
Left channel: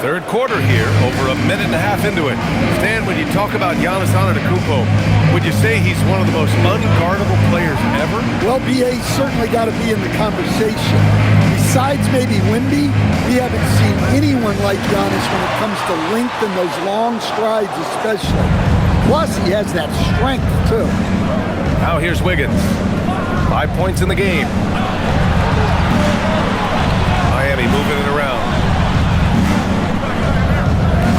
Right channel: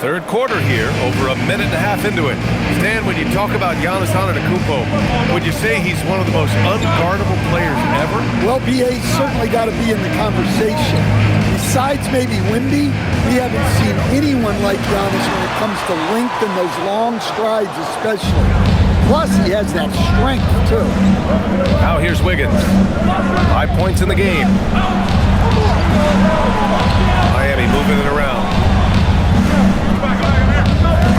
Third quarter here, over a minute and a half into it. Stan, when you talk about Giannis Antetokounmpo, would you say he's one of the most unguardable players ever? Well, B.A. certainly got to be in the conversation. Besides maybe Wemby, we haven't seen anyone like Giannis when it comes to length and those long strides especially. Plus, he has that strength, too. Now here's Wiggins. 5 points in the game. Miami moving it around.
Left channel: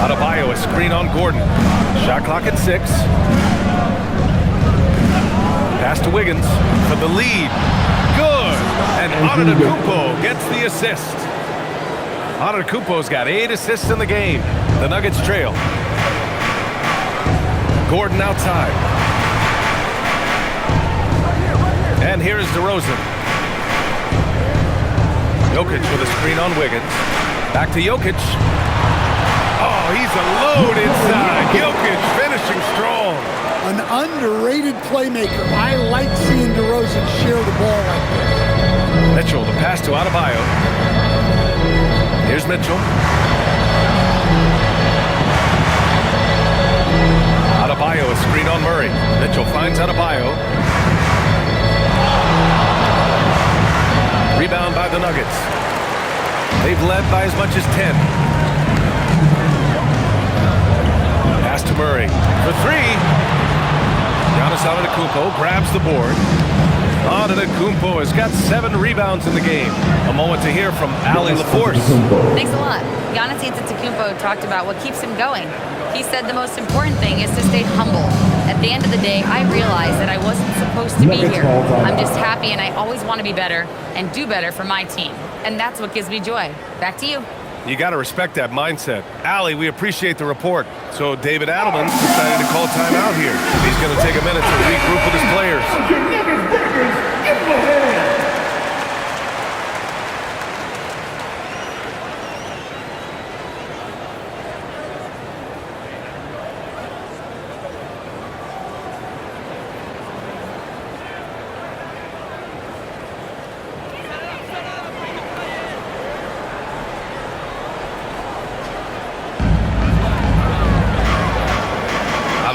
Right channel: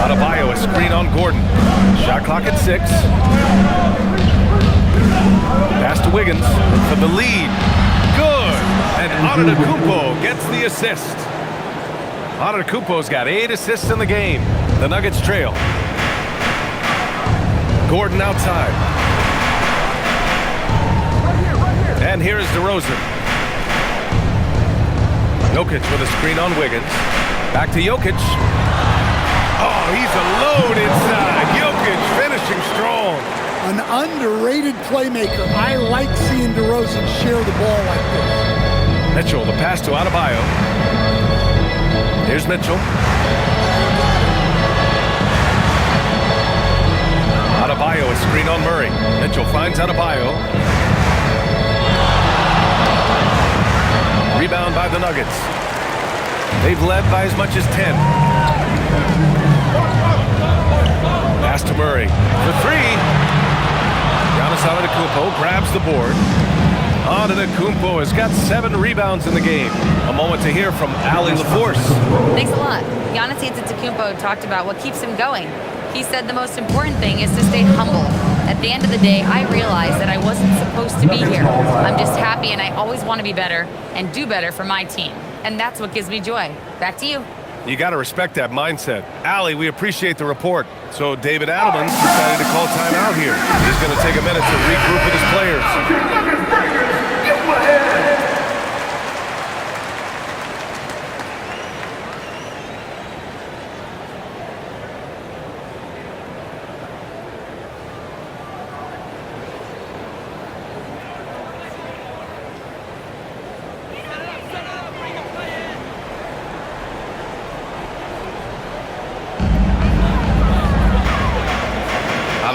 Adebayo, a screen on Gordon. Shot clock at 6. Pass to Wiggins for the lead. Good. And Antetokounmpo gets the assist. Antetokounmpo's got 8 assists in the game. The Nuggets trail. Gordon outside. And here is DeRozan. Jokic with a screen on Wiggins. Back to Jokic. Oh, he's a load inside. Jokic finishing strong. An underrated playmaker. I like seeing DeRozan share the ball like this. Mitchell, the pass to Adebayo. Here's Mitchell. Adebayo, a screen on Murray. Mitchell finds Adebayo. Rebound by the Nuggets. They've led by as much as 10. Pass to Murray for 3. Giannis Antetokounmpo grabs the board. Antetokounmpo has got 7 rebounds in the game. A moment to hear from Allie LaForce. Thanks a lot. Giannis Antetokounmpo talked about what keeps him going. He said the most important thing is to stay humble. At the end of the day, I realized that I wasn't supposed to be here. I'm just happy, and I always want to be better and do better for my team. And that's what gives me joy. Back to you. You got to respect that mindset. Allie, we appreciate the report. So David Adelman's decided to call timeout here. He's going to take a minute to regroup with his players. Give him a hand.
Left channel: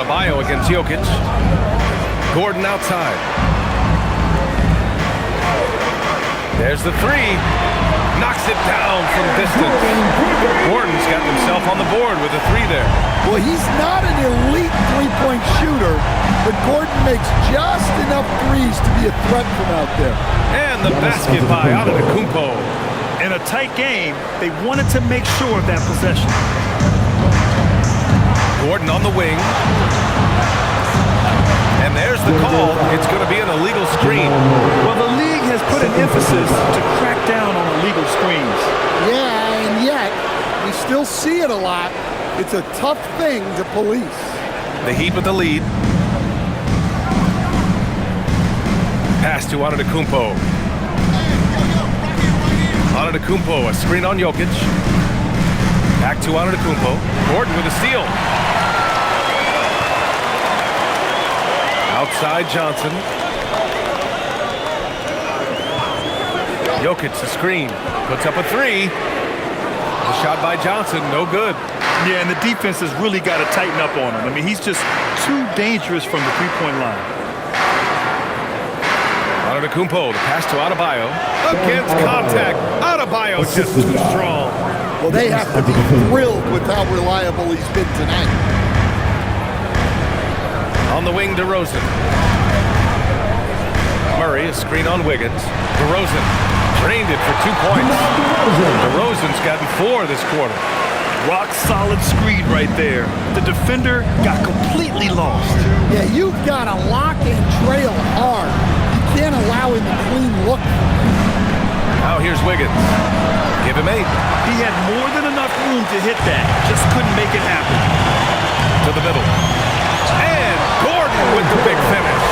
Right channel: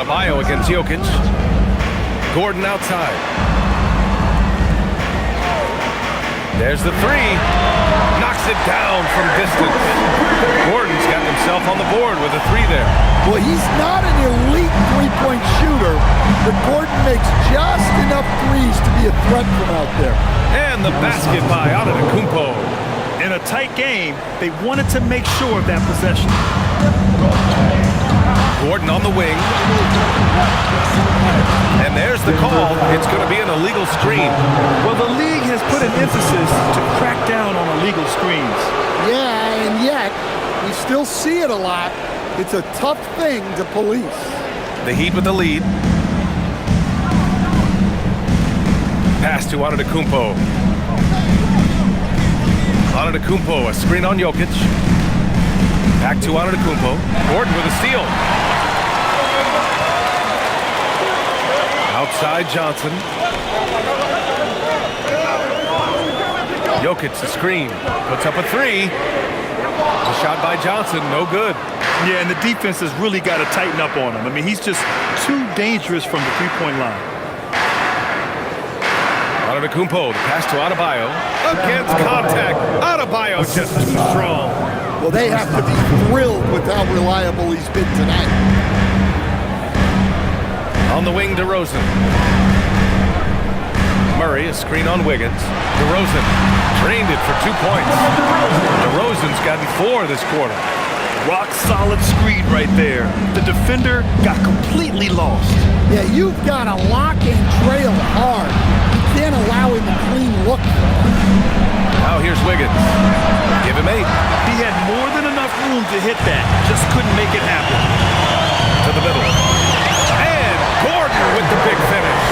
Adebayo against Jokic. Gordon outside. There's the three. Knocks it down from distance. Gordon's gotten himself on the board with a three there. Well, he's not an elite three-point shooter, but Gordon makes just enough threes to be a threat from out there. And the basket by Antetokounmpo. In a tight game, they wanted to make sure of that possession. Gordon on the wing. And there's the call. It's going to be an illegal screen. Well, the league has put an emphasis to crack down on illegal screens. Yeah, and yet, we still see it a lot. It's a tough thing to police. The Heat with the lead. Pass to Antetokounmpo. Antetokounmpo, a screen on Jokic. Back to Antetokounmpo. Gordon with a steal. Outside Johnson. Jokic, the screen. Puts up a three. The shot by Johnson, no good. Yeah, and the defense has really got to tighten up on him. I mean, he's just too dangerous from the three-point line. Antetokounmpo, the pass to Adebayo. Against contact. Adebayo just too strong. Well, they have to be thrilled with how reliable he's been tonight. On the wing, DeRozan. Murray, a screen on Wiggins. DeRozan drained it for 2 points. DeRozan's gotten 4 this quarter. Rock solid screen right there. The defender got completely lost. Yeah, you've got to lock and trail hard. You can't allow him a clean look. Now here's Wiggins. Give him 8. He had more than enough room to hit that. Just couldn't make it happen. To the middle. And Gordon with the big finish.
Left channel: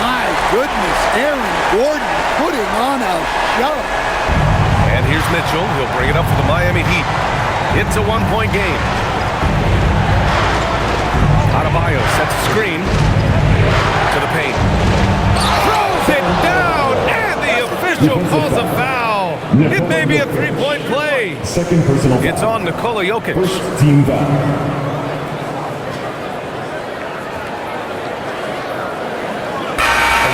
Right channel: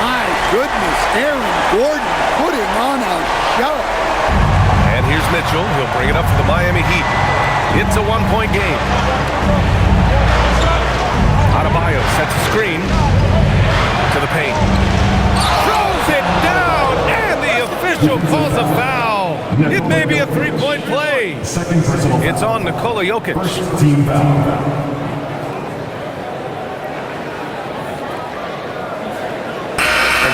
My goodness, Aaron Gordon putting on a show. And here's Mitchell. He'll bring it up for the Miami Heat. It's a 1-point game. Adebayo sets a screen to the paint. Throws it down, and the official calls a foul. It may be a 3-point play. Second personal foul. It's on Nikola Jokic. First team foul.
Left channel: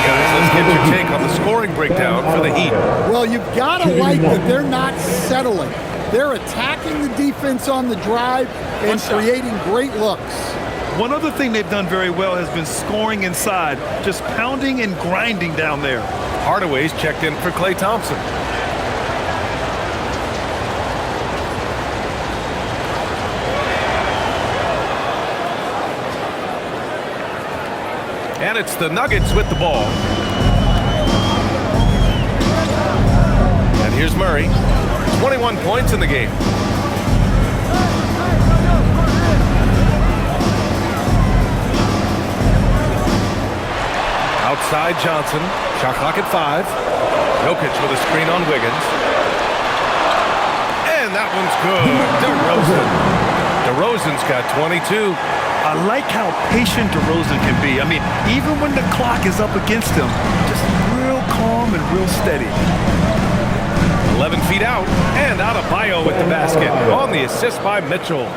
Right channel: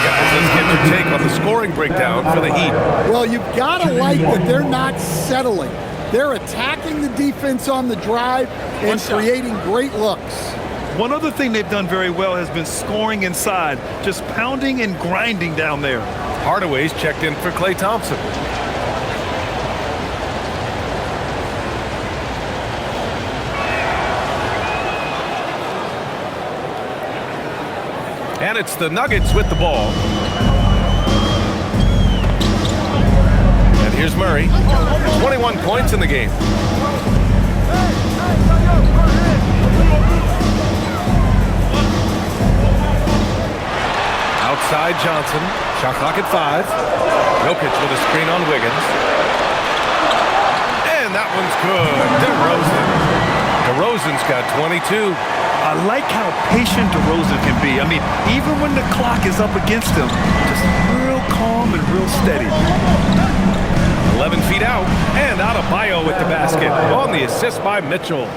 Guys, let's get your take on the scoring breakdown for the Heat. Well, you've got to like that they're not settling. They're attacking the defense on the drive and creating great looks. One other thing they've done very well has been scoring inside, just pounding and grinding down there. Hardaway's checked in for Klay Thompson. And it's the Nuggets with the ball. And here's Murray. 21 points in the game. Outside Johnson. Shot clock at 5. Jokic with a screen on Wiggins. And that one's good. DeRozan's got 22. I like how patient DeRozan can be. I mean, even when the clock is up against him, just real calm and real steady. 11 feet out, and Adebayo with the basket on the assist by Mitchell.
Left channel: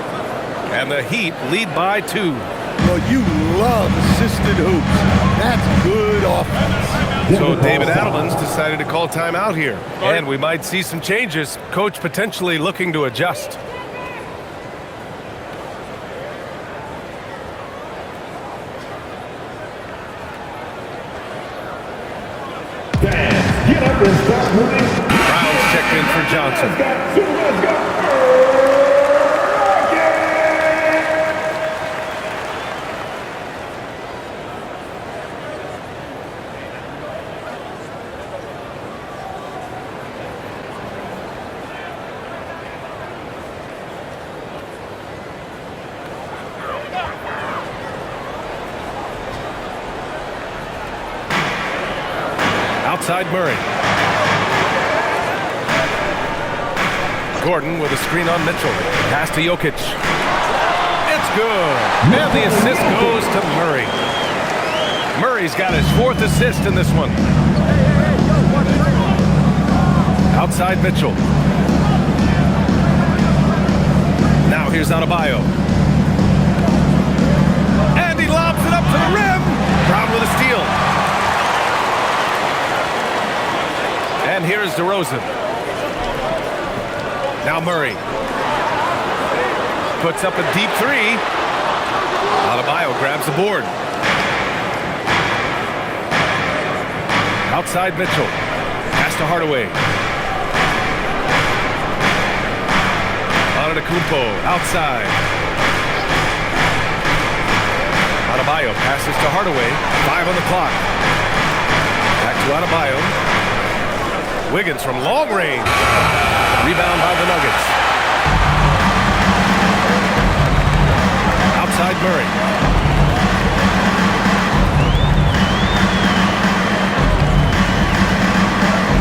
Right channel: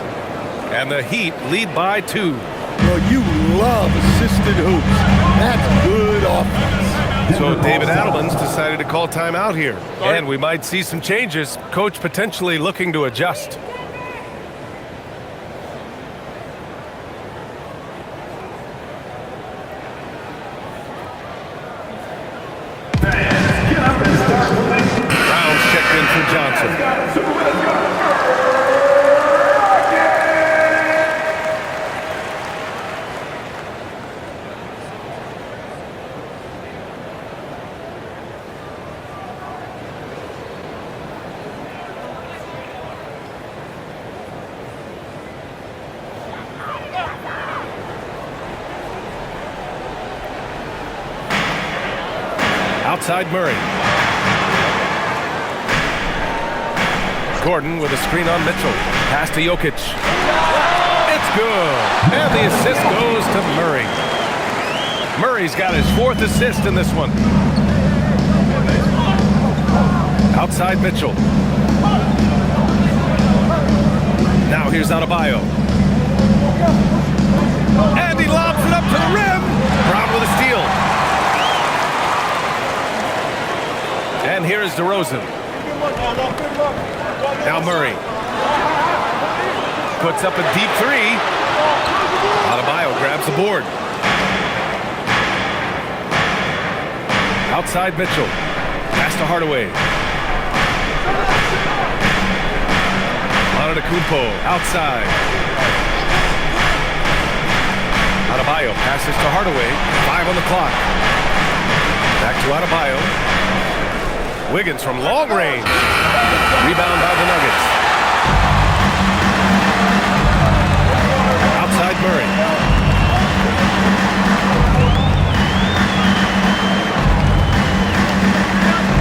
And the Heat lead by 2. Well, you love assisted hoops. That's good offense. So David Adelman's decided to call timeout here. And we might see some changes. Coach potentially looking to adjust. Fans, get up and start moving. Brown's checked in for Johnson. Outside Murray. Gordon with a screen on Mitchell. Pass to Jokic. It's good. And the assist goes to Murray. Murray's got his 4th assist in this one. Outside Mitchell. Now here's Adebayo. And he lobs up to the rim. Brown with a steal. And here is DeRozan. Now Murray. Puts up a deep three. Adebayo grabs the board. Outside Mitchell. Pass to Hardaway. Antetokounmpo outside. Adebayo passes to Hardaway. 5 on the clock. Back to Adebayo. Wiggins from long range. Rebound by the Nuggets. Outside Murray.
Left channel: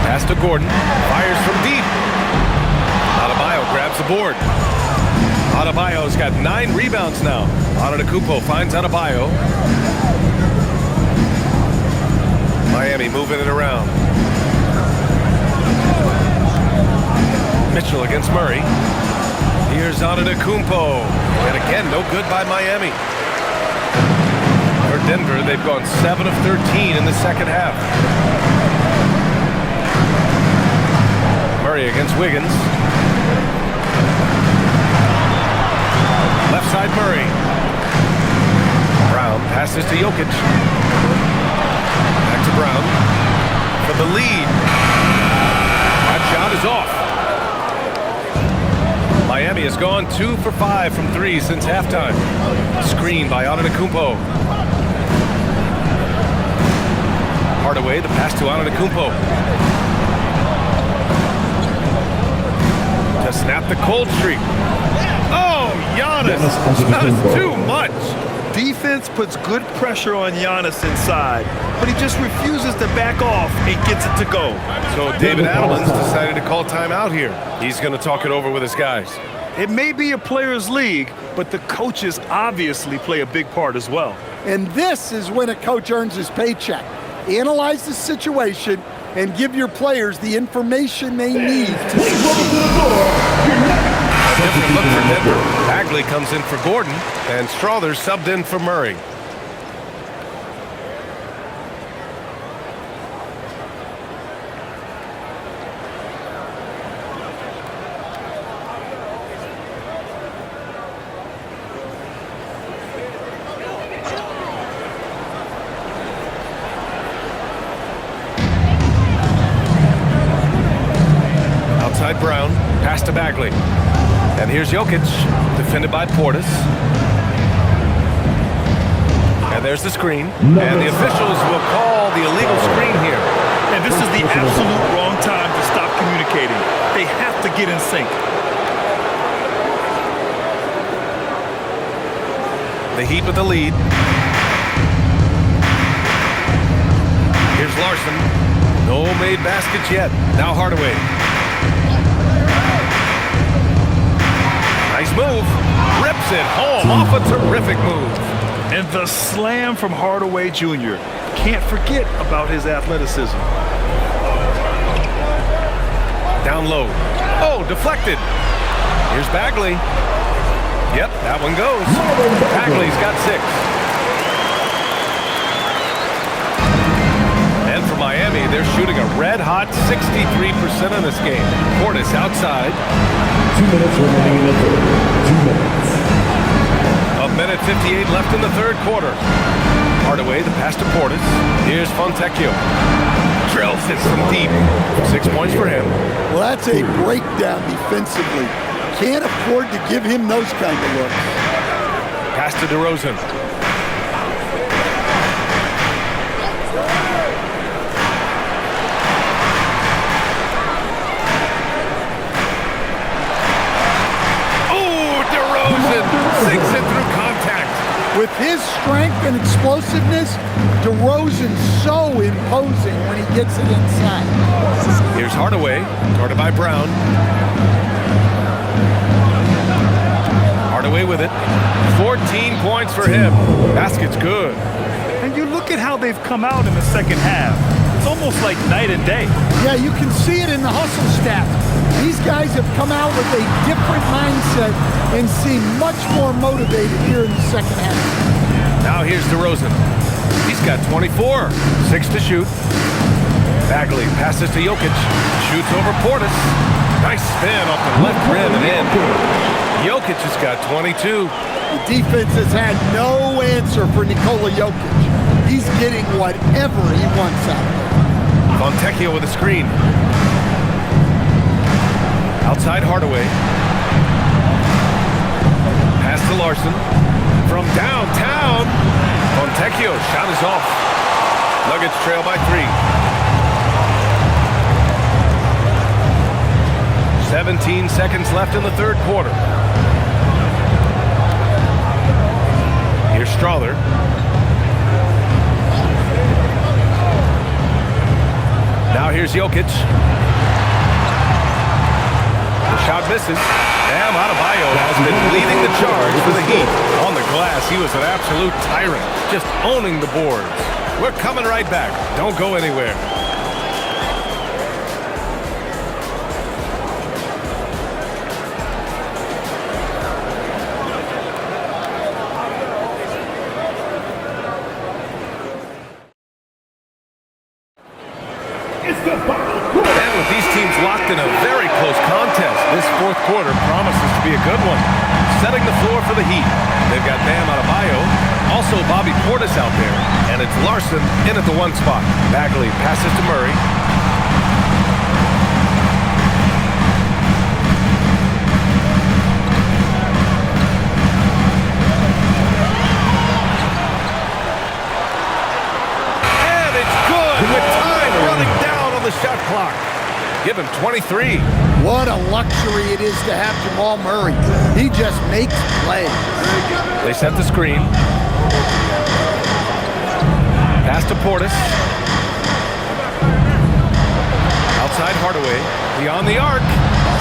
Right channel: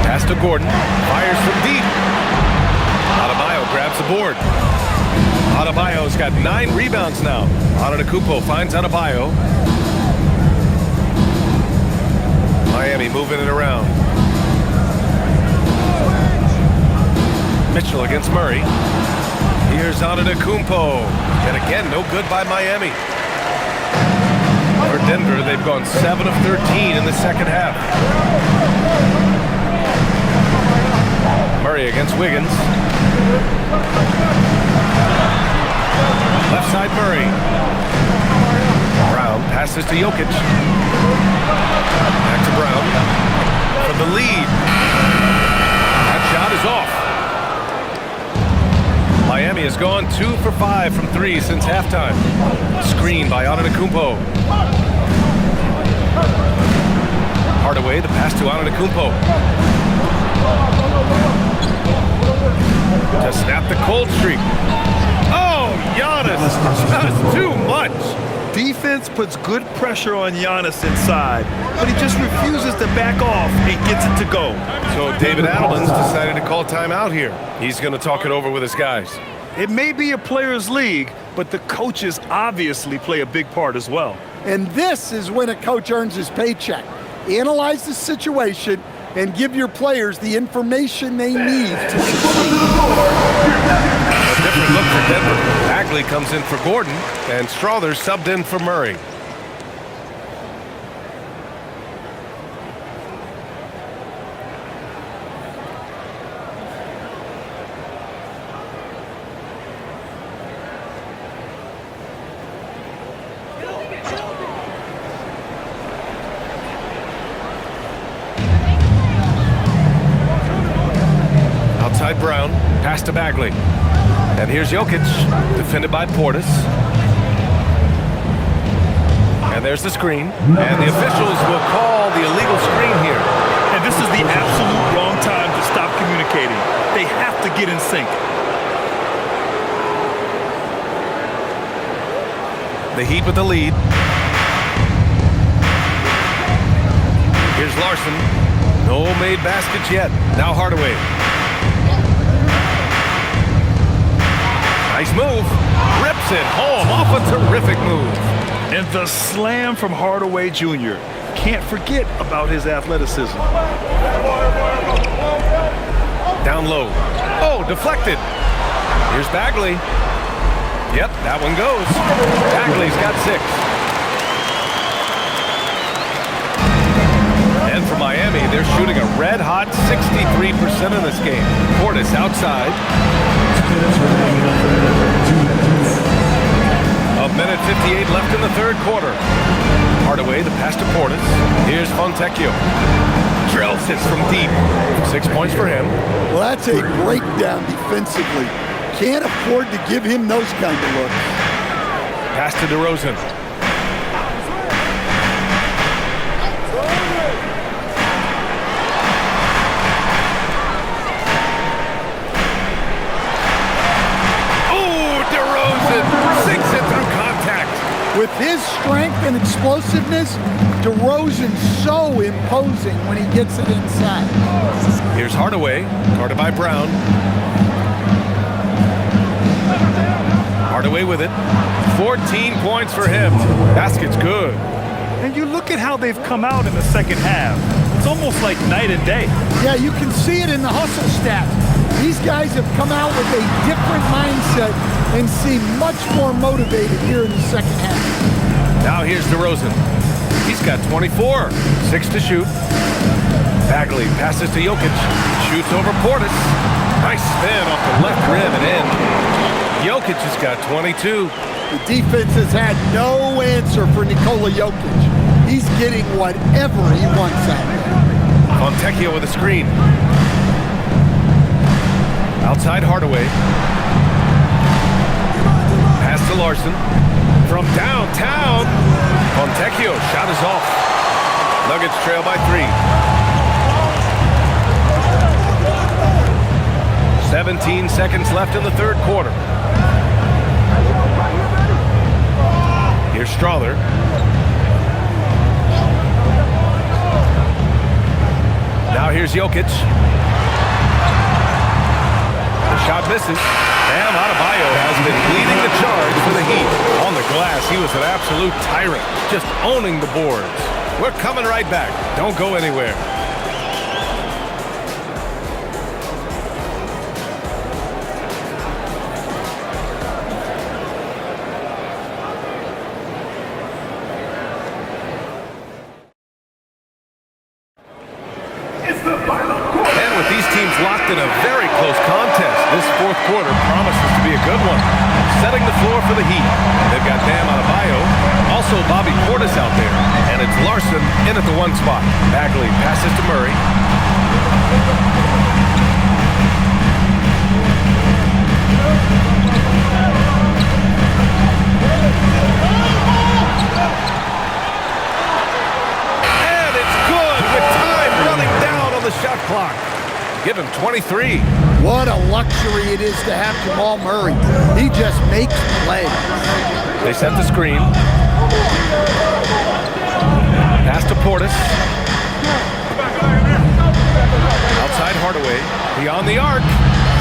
Pass to Gordon. Fires from deep. Adebayo grabs the board. Adebayo's got 9 rebounds now. Antetokounmpo finds Adebayo. Miami moving it around. Mitchell against Murray. Here's Antetokounmpo. And again, no good by Miami. For Denver, they've gone 7 of 13 in the second half. Murray against Wiggins. Left side Murray. Brown passes to Jokic. Back to Brown for the lead. That shot is off. Miami has gone 2 for 5 from 3 since halftime. Screen by Antetokounmpo. Hardaway, the pass to Antetokounmpo. To snap the cold streak. Oh, Giannis, just too much. Defense puts good pressure on Giannis inside, but he just refuses to back off and gets it to go. So David Adelman's decided to call timeout here. He's going to talk it over with his guys. It may be a players' league, but the coaches obviously play a big part as well. And this is when a coach earns his paycheck. Analyze the situation and give your players the information they need to succeed. A different look for Denver. Bagley comes in for Gordon, and Strawther subbed in for Murray. Outside Brown, pass to Bagley. And here's Jokic, defended by Portis. And there's the screen. And the officials will call the illegal screen here. And this is the absolute wrong time to stop communicating. They have to get in sync. The Heat with the lead. Here's Larson. No made baskets yet. Now Hardaway. Nice move. Rips it home off a terrific move. And the slam from Hardaway Jr. Can't forget about his athleticism. Down low. Oh, deflected. Here's Bagley. Yep, that one goes. Bagley's got 6. And for Miami, they're shooting a red-hot 63% in this game. Portis outside. 2 minutes remaining in the third. 2 minutes. A minute 58 left in the third quarter. Hardaway, the pass to Portis. Here's Fontecchio. Drills it from deep. 6 points for him. Well, that's a breakdown defensively. Can't afford to give him those kind of looks. Pass to DeRozan. Oh, DeRozan sinks it through contact. With his strength and explosiveness, DeRozan's so imposing when he gets it inside. Here's Hardaway, guarded by Brown. Hardaway with it. 14 points for him. Basket's good. And you look at how they've come out in the second half. It's almost like night and day. Yeah, you can see it in the hustle stats. These guys have come out with a different mindset and seem much more motivated here in the second half. Now here's DeRozan. He's got 24. 6 to shoot. Bagley passes to Jokic. Shoots over Portis. Nice spin off the left rim and in. Jokic has got 22. The defense has had no answer for Nikola Jokic. He's getting whatever he wants out there. Fontecchio with a screen. Outside Hardaway. Pass to Larson. From downtown. Fontecchio shot is off. Nuggets trail by 3. 17 seconds left in the third quarter. Here's Strother. Now here's Jokic. The shot misses. Bam Adebayo has been leading the charge for the Heat. On the glass, he was an absolute tyrant, just owning the boards. We're coming right back. Don't go anywhere. And with these teams locked in a very close contest, this fourth quarter promises to be a good one. Setting the floor for the Heat. They've got Bam Adebayo, also Bobby Portis out there, and it's Larson in at the 1 spot. Bagley passes to Murray. And it's good with time running down on the shot clock. Give him 23. What a luxury it is to have Jamal Murray. He just makes plays. They set the screen. Pass to Portis. Outside Hardaway. Beyond the arc.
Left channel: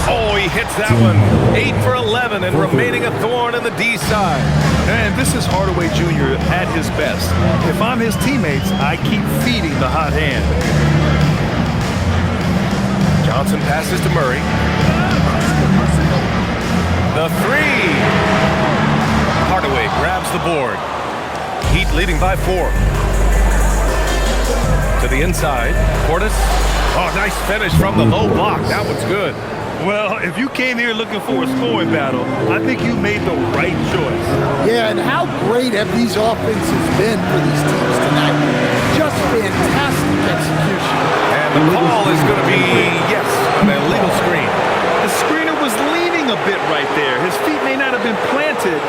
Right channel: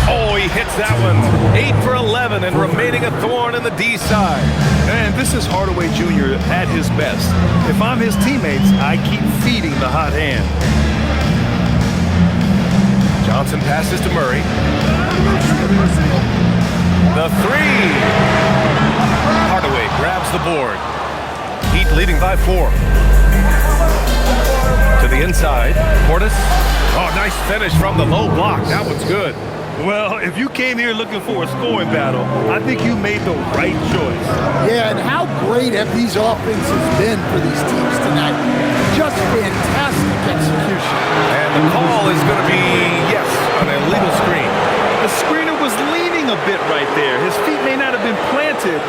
Oh, he hits that one. 8 for 11 and remaining a thorn in the D side. And this is Hardaway Jr. at his best. If I'm his teammates, I keep feeding the hot hand. Johnson passes to Murray. The 3. Hardaway grabs the board. Heat leading by 4. To the inside. Portis. Oh, nice finish from the low block. That one's good. Well, if you came here looking for a scoring battle, I think you made the right choice. Yeah, and how great have these offenses been for these teams tonight? Just fantastic execution. And the call is going to be, yes, an illegal screen. The screener was leaning a bit right there. His feet may not have been planted.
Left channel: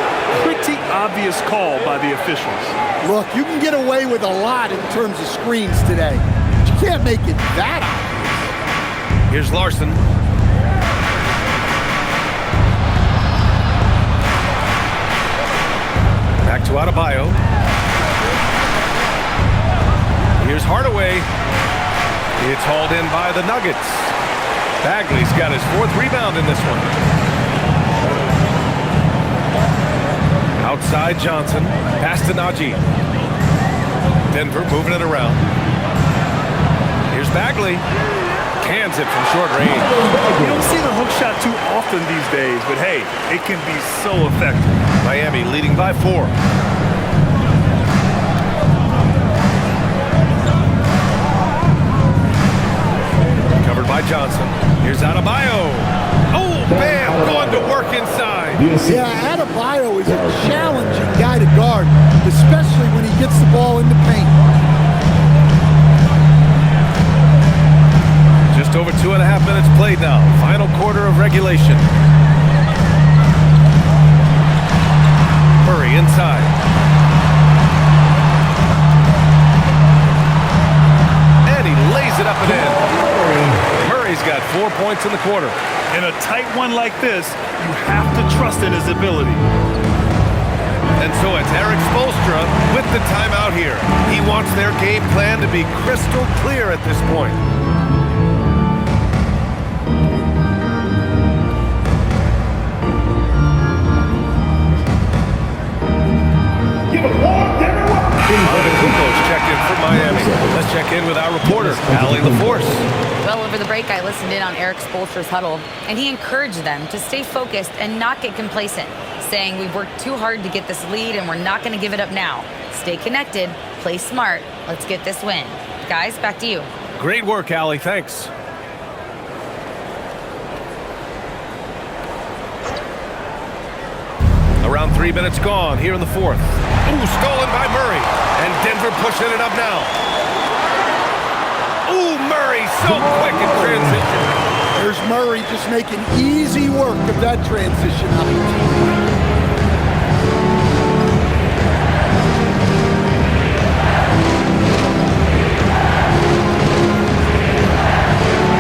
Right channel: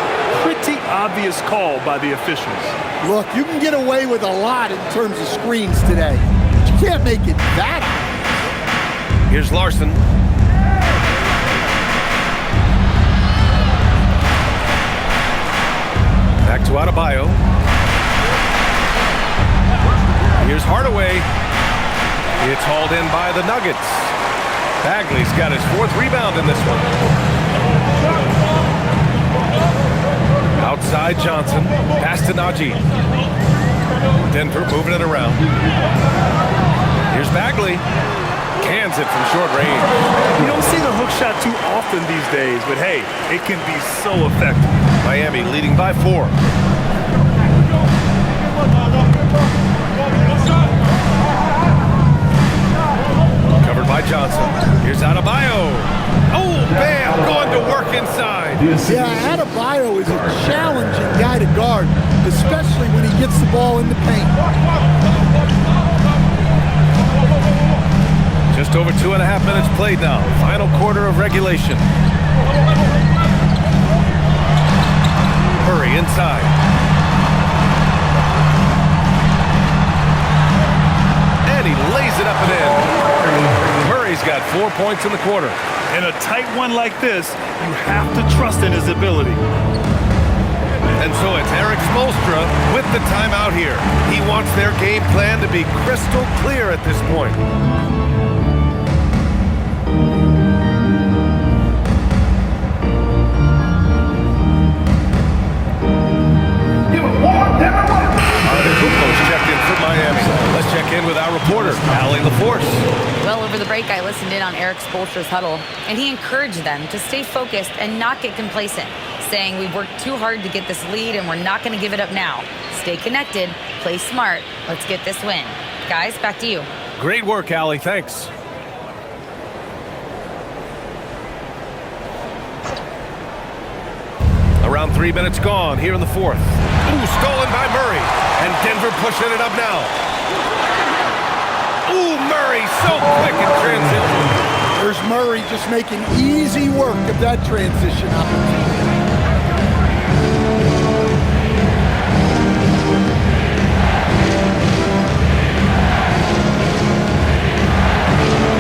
Pretty obvious call by the officials. Look, you can get away with a lot in terms of screens today, but you can't make it that obvious. Here's Larson. Back to Adebayo. Here's Hardaway. It's hauled in by the Nuggets. Bagley's got his 4th rebound in this one. Outside Johnson. Pass to Najee. Denver moving it around. Here's Bagley. Cans it from short range. You don't see the hook shot too often these days, but hey, it can be so effective. Miami leading by 4. Covered by Johnson. Here's Adebayo. Oh, bam! Going to work inside. Yeah, Adebayo is a challenging guy to guard, especially when he gets the ball in the paint. Just over 2.5 minutes played now. Final quarter of regulation. Murray inside. And he lays it up and in. Murray's got 4 points in the quarter. In a tight one like this, you have to trust in his ability. And so it's Eric Spoelstra with the timeout here. He wants their game plan to be crystal clear at this point. Antetokounmpo's checked in for Miami. Let's check in with our reporter, Allie LaForce. Well, over the break, I listened in on Eric Spoelstra's huddle, and he encouraged them to stay focused and not get complacent, saying we've worked too hard to get this lead and we're not going to give it up now. Stay connected, play smart, let's get this win. Guys, back to you. Great work, Allie. Thanks. Around 3 minutes gone here in the fourth. Ooh, stolen by Murray. And Denver pushing it up now. Ooh, Murray so quick in transition. There's Murray just making easy work of that transition opportunity.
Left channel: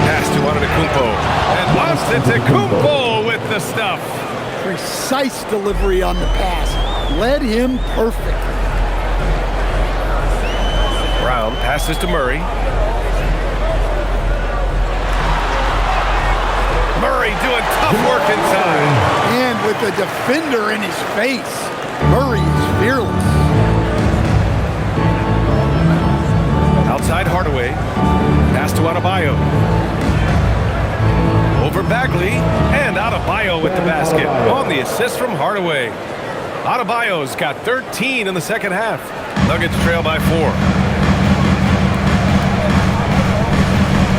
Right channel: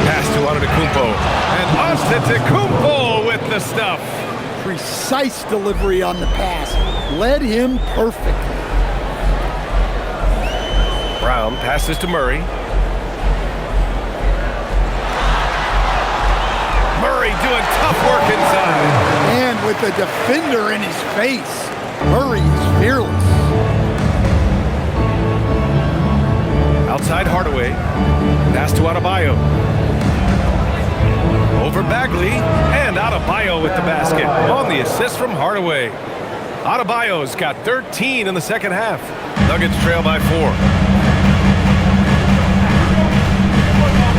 Pass to Antetokounmpo. And Antetokounmpo with the stuff. Precise delivery on the pass. Led him perfectly. Brown passes to Murray. Murray doing tough work inside. And with a defender in his face, Murray is fearless. Outside Hardaway. Pass to Adebayo. Over Bagley, and Adebayo with the basket on the assist from Hardaway. Adebayo's got 13 in the second half. Nuggets trail by 4.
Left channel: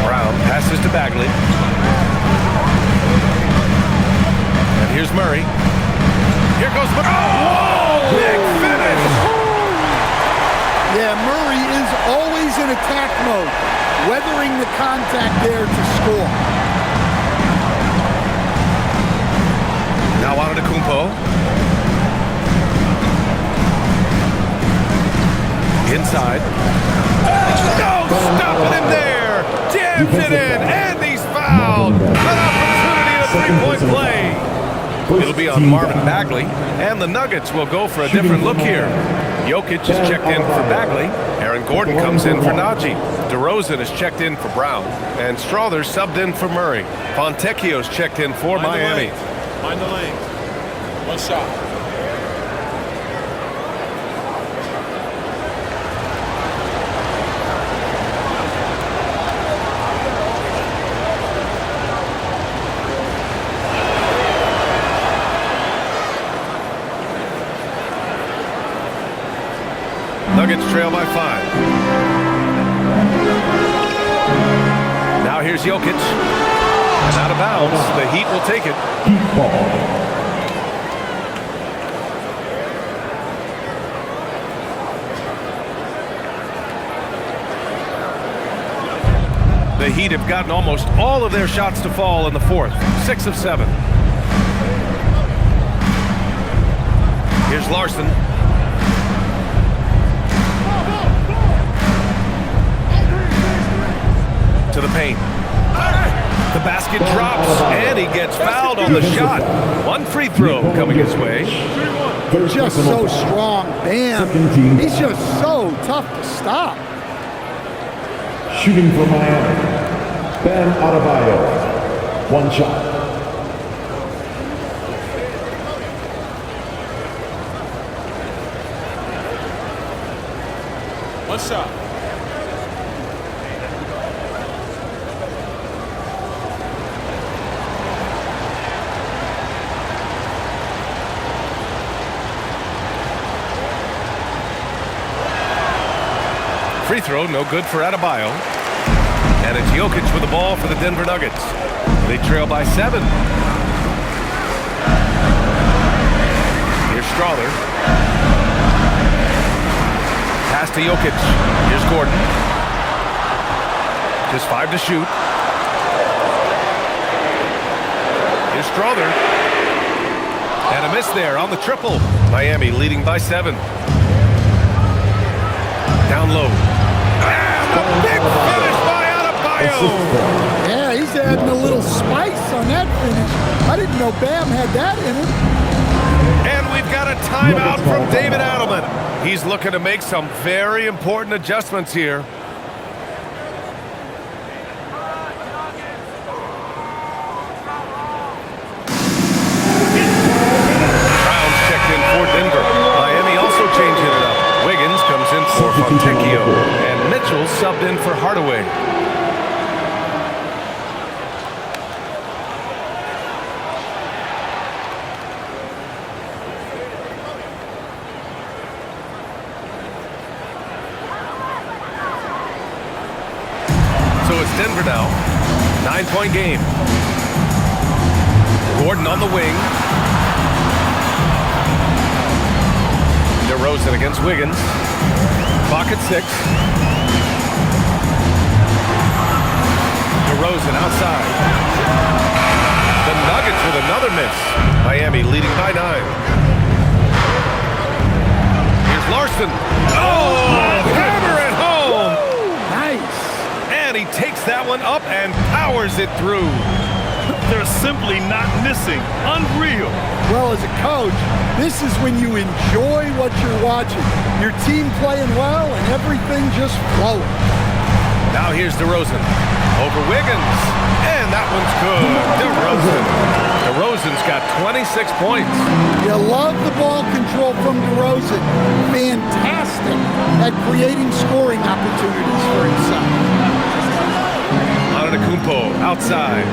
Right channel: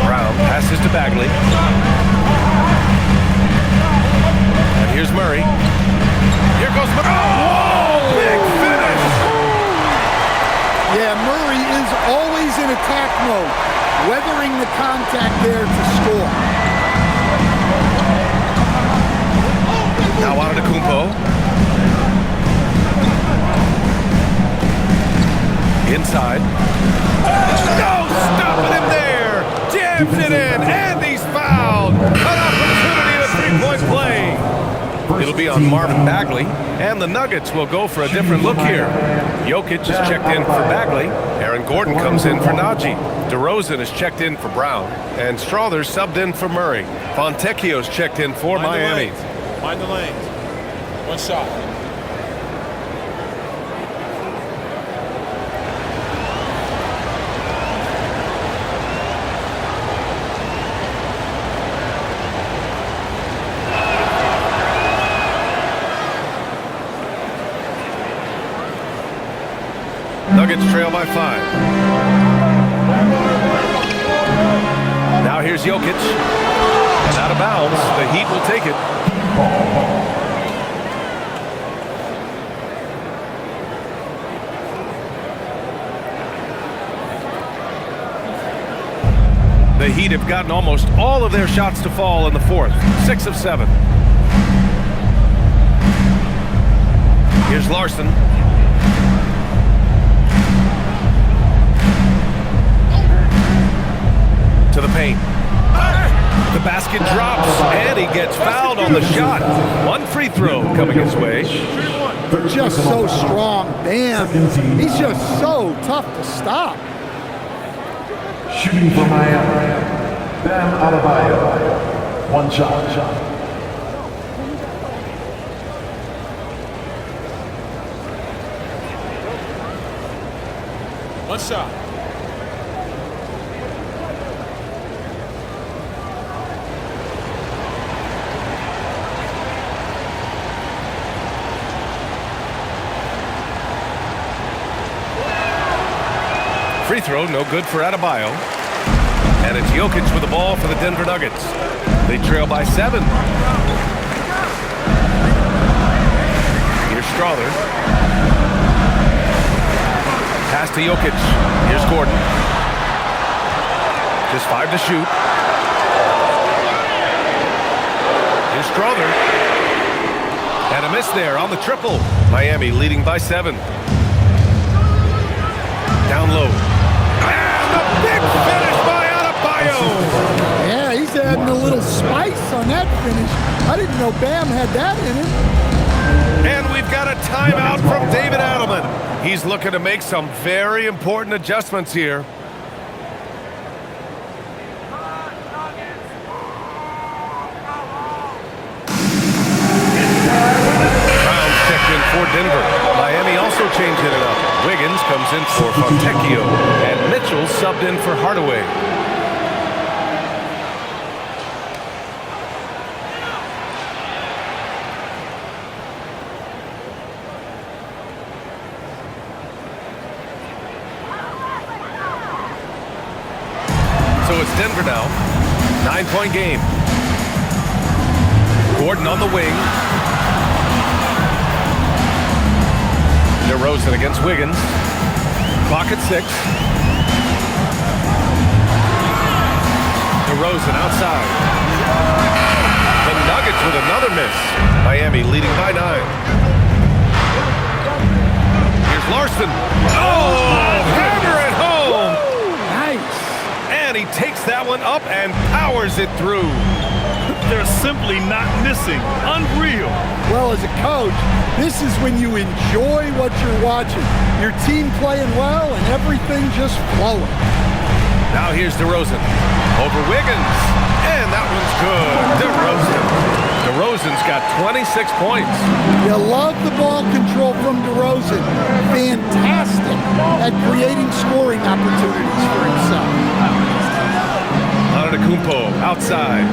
Brown passes to Bagley. And here's Murray. Here goes Murray. Oh, big finish! Yeah, Murray is always in attack mode, weathering the contact there to score. Now Antetokounmpo. Inside. No stopping him there. Jams it in, and he's fouled. An opportunity at a three-point play. It'll be on Marvin Bagley, and the Nuggets will go for a different look here. Jokic is checked in for Bagley. Aaron Gordon comes in for Najee. DeRozan is checked in for Brown, and Strother's subbed in for Murray. Fontecchio's checked in for Miami. Mind the lanes. One shot. Nuggets trail by 5. Now here's Jokic. And out of bounds, the Heat will take it. Heat ball. The Heat have gotten almost all of their shots to fall in the fourth. 6 of 7. Here's Larson. To the paint. The basket drops, and he gets fouled on the shot. One free throw coming his way. But just so strong. Bam. He's just so tough to stop. Shooting for Miami. Bam Adebayo. One shot. One shot. Free throw, no good for Adebayo. And it's Jokic with the ball for the Denver Nuggets. They trail by 7. Here's Strother. Pass to Jokic. Here's Gordon. Just 5 to shoot. Here's Strother. And a miss there on the triple. Miami leading by 7. Down low. And a big finish by Adebayo. Yeah, he's adding a little spice on that finish. I didn't know Bam had that in him. And we've got a timeout from David Adelman. He's looking to make some very important adjustments here. Brown's checked in for Denver. Miami also also changing it up. Wiggins comes in for Fontecchio, and Mitchell subbed in for Hardaway. So it's Denver now. 9-point game. Gordon on the wing. DeRozan against Wiggins. Clock at 6. DeRozan outside. The Nuggets with another miss. Miami leading by 9. Here's Larson. Oh, hammer it home. Nice. And he takes that one up and powers it through. They're simply not missing. Unreal. Well, as a coach, this is when you enjoy what you're watching. Your team playing well and everything just flowing. Now here's DeRozan over Wiggins. And that one's good. DeRozan's got 26 points. You love the ball control from DeRozan. Fantastic at creating scoring opportunities for himself. Antetokounmpo outside.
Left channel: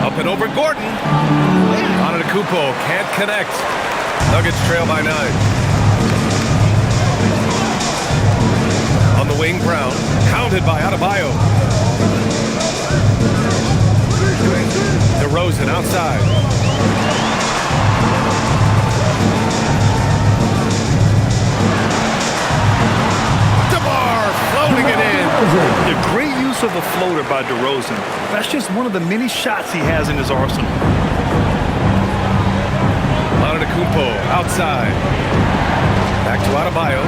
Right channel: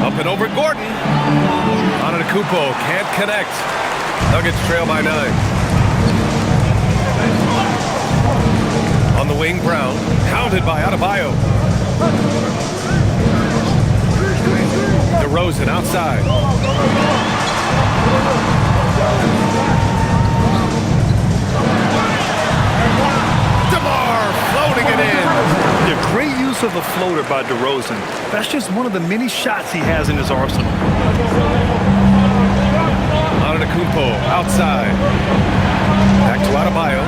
Up and over Gordon. Antetokounmpo can't connect. Nuggets trail by 9. On the wing, Brown. Hounded by Adebayo. DeRozan outside. DeMar floating it in. The great use of the floater by DeRozan. That's just one of the many shots he has in his arsenal. Antetokounmpo outside. Back to Adebayo.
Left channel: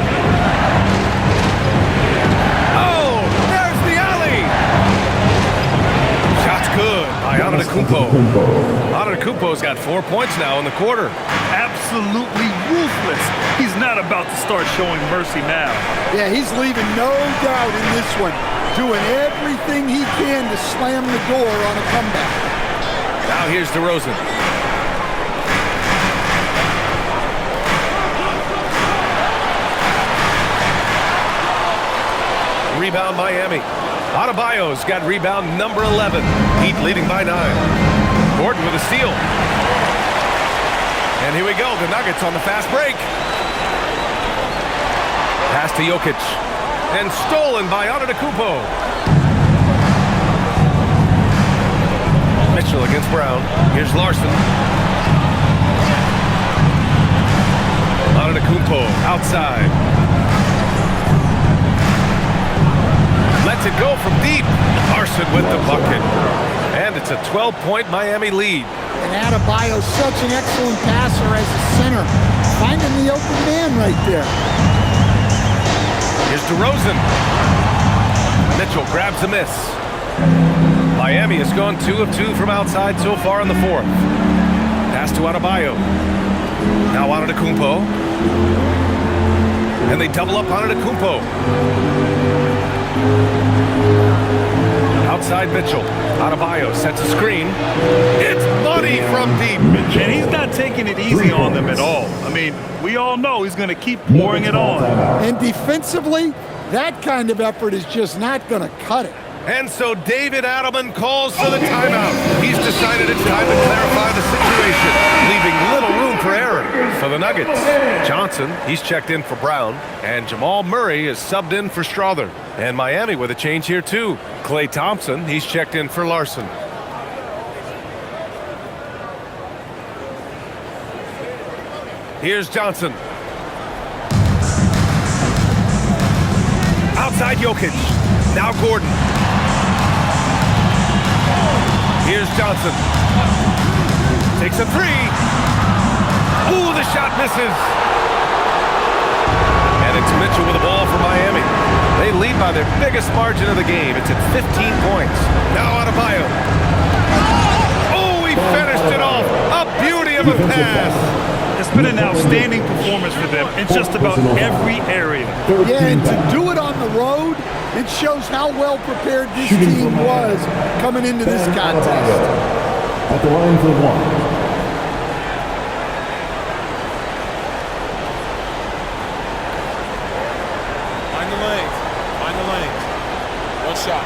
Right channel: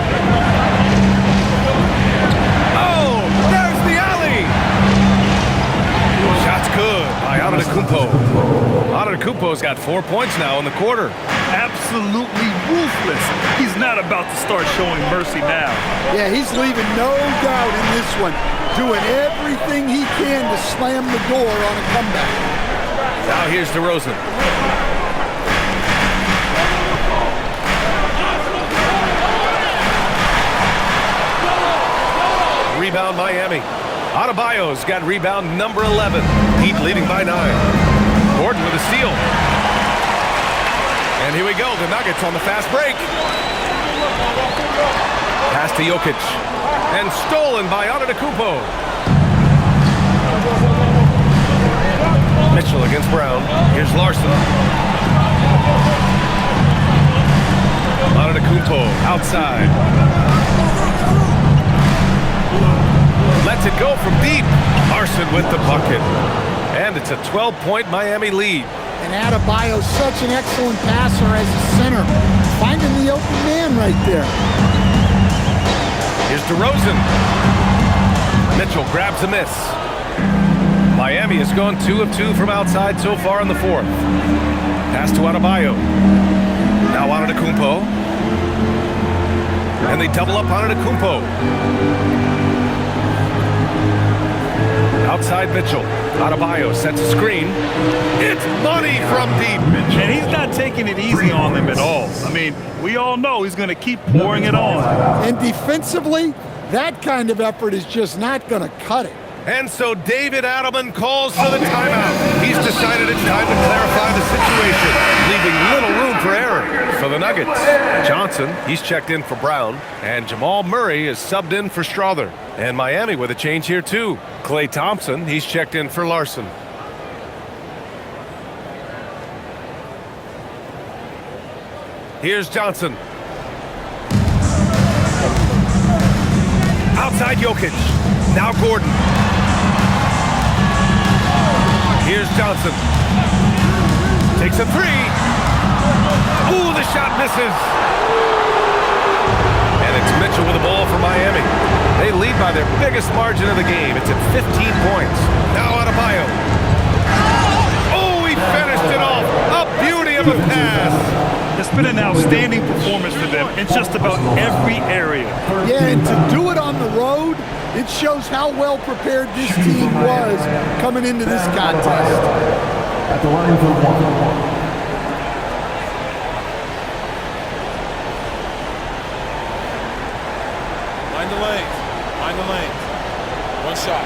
Oh, there's the alley. Shot's good by Antetokounmpo. Antetokounmpo's got 4 points now in the quarter. Absolutely ruthless. He's not about to start showing mercy now. Yeah, he's leaving no doubt in this one. Doing everything he can to slam the door on a comeback. Now here's DeRozan. Rebound Miami. Adebayo's got rebound number 11. Heat leading by 9. Gordon with a steal. And here we go, the Nuggets on the fast break. Pass to Jokic. And stolen by Antetokounmpo. Mitchell against Brown. Here's Larson. Antetokounmpo outside. Lets it go from deep. Larson with the bucket. And it's a 12-point Miami lead. And Adebayo's such an excellent passer as a center. Finding the open man right there. Here's DeRozan. Mitchell grabs a miss. Miami has gone 2 of 2 from outside so far in the 4th. Pass to Adebayo. Now Antetokounmpo. And they double up Antetokounmpo. Outside Mitchell. Adebayo sets a screen. It's money from deep. And he's not taking it easy on them at all. I mean, we all know he's going to keep pouring it on. And defensively, that kind of effort is just not going to cut it. And so David Adelman calls for the timeout. He's decided it's time to clarify the situation, leaving little room for error for the Nuggets. Johnson, he's checked in for Brown, and Jamal Murray is subbed in for Strother. And Miami with a change here too. Klay Thompson, he's checked in for Larson. Here's Johnson. Outside Jokic. Now Gordon. Here's Johnson. Takes a 3. Ooh, the shot misses. And it's Mitchell with the ball for Miami. They lead by their biggest margin of the game. It's at 15 points. Now Adebayo. Oh, he finished it off. A beauty of a pass. It's been an outstanding performance for them in just about every area. Yeah, and to do it on the road, it shows how well prepared this team was coming into this contest. At the line for one. Mind the lanes. Mind the lanes. One shot.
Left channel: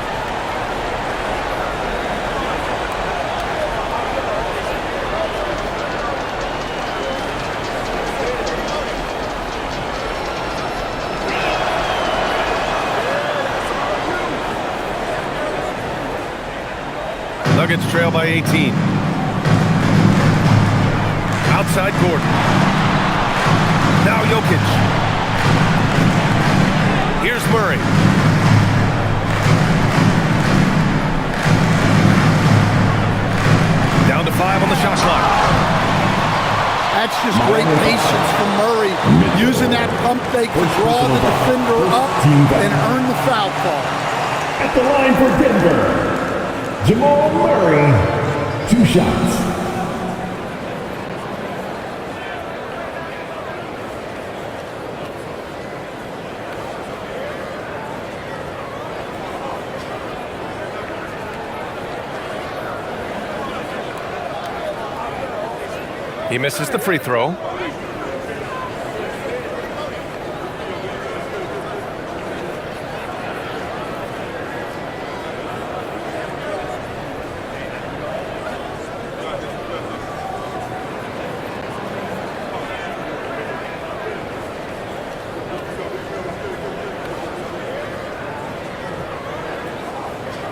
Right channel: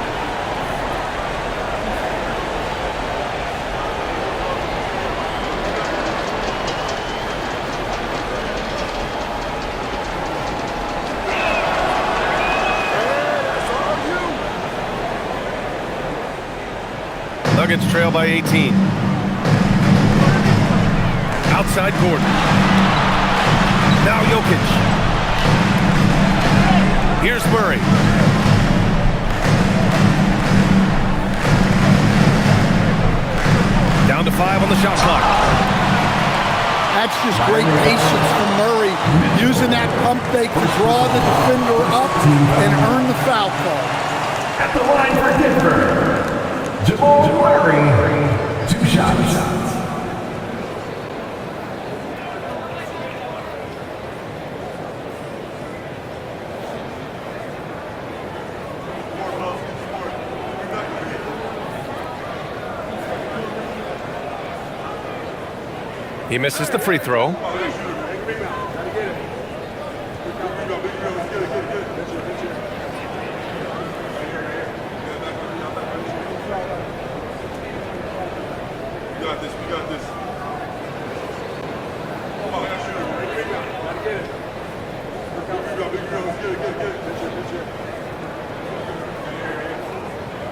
Nuggets trail by 18. Outside Gordon. Now Jokic. Here's Murray. Down to 5 on the shot clock. That's just great patience from Murray, using that pump fake to draw the defender up and earn the foul call. At the line for Denver, Jamal Murray, 2 shots. He misses the free throw.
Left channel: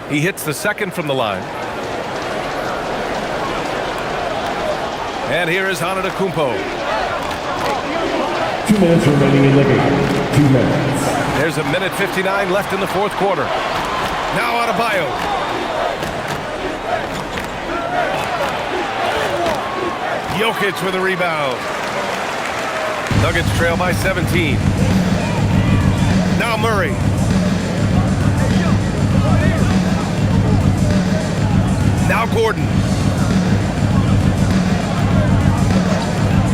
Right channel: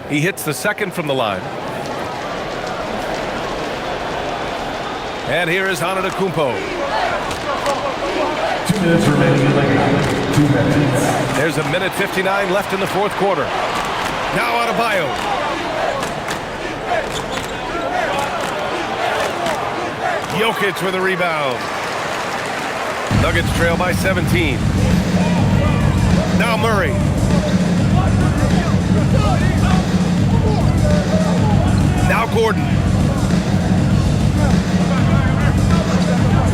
He hits the second from the line. And here is Antetokounmpo. 2 minutes remaining in the game. 2 minutes. There's a minute 59 left in the fourth quarter. Now Adebayo. Jokic with a rebound. Nuggets trail by 17. Now Murray. Now Gordon.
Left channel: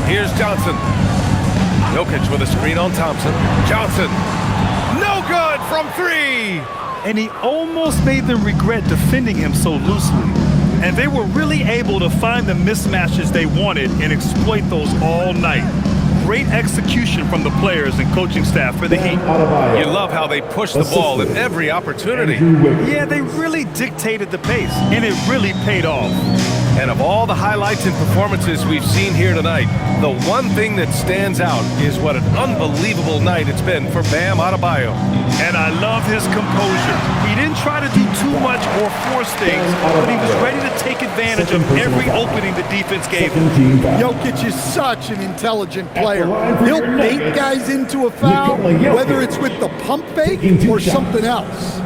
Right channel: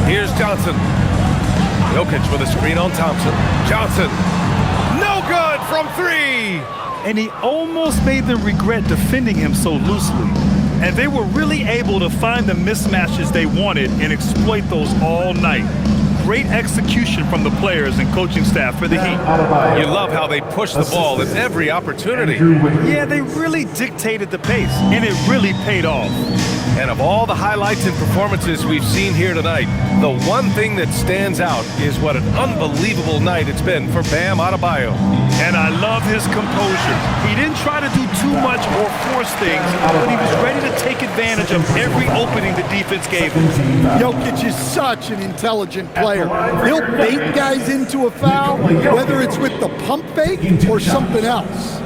Here's Johnson. Jokic with a screen on Thompson. Johnson. No good from 3. And he almost made them regret defending him so loosely. And they were really able to find the mismatches they wanted and exploit those all night. Great execution from the players and coaching staff for the Heat. You love how they push the ball at every opportunity. Yeah, they really dictated the pace, and it really paid off. And of all the highlights and performances we've seen here tonight, the one thing that stands out is what an unbelievable night it's been for Bam Adebayo. And I love his composure. He didn't try to do too much or force things, but he was ready to take advantage of every opening the defense gave him. Jokic is such an intelligent player. He'll bait guys into a foul, whether it's with the pump fake or something else.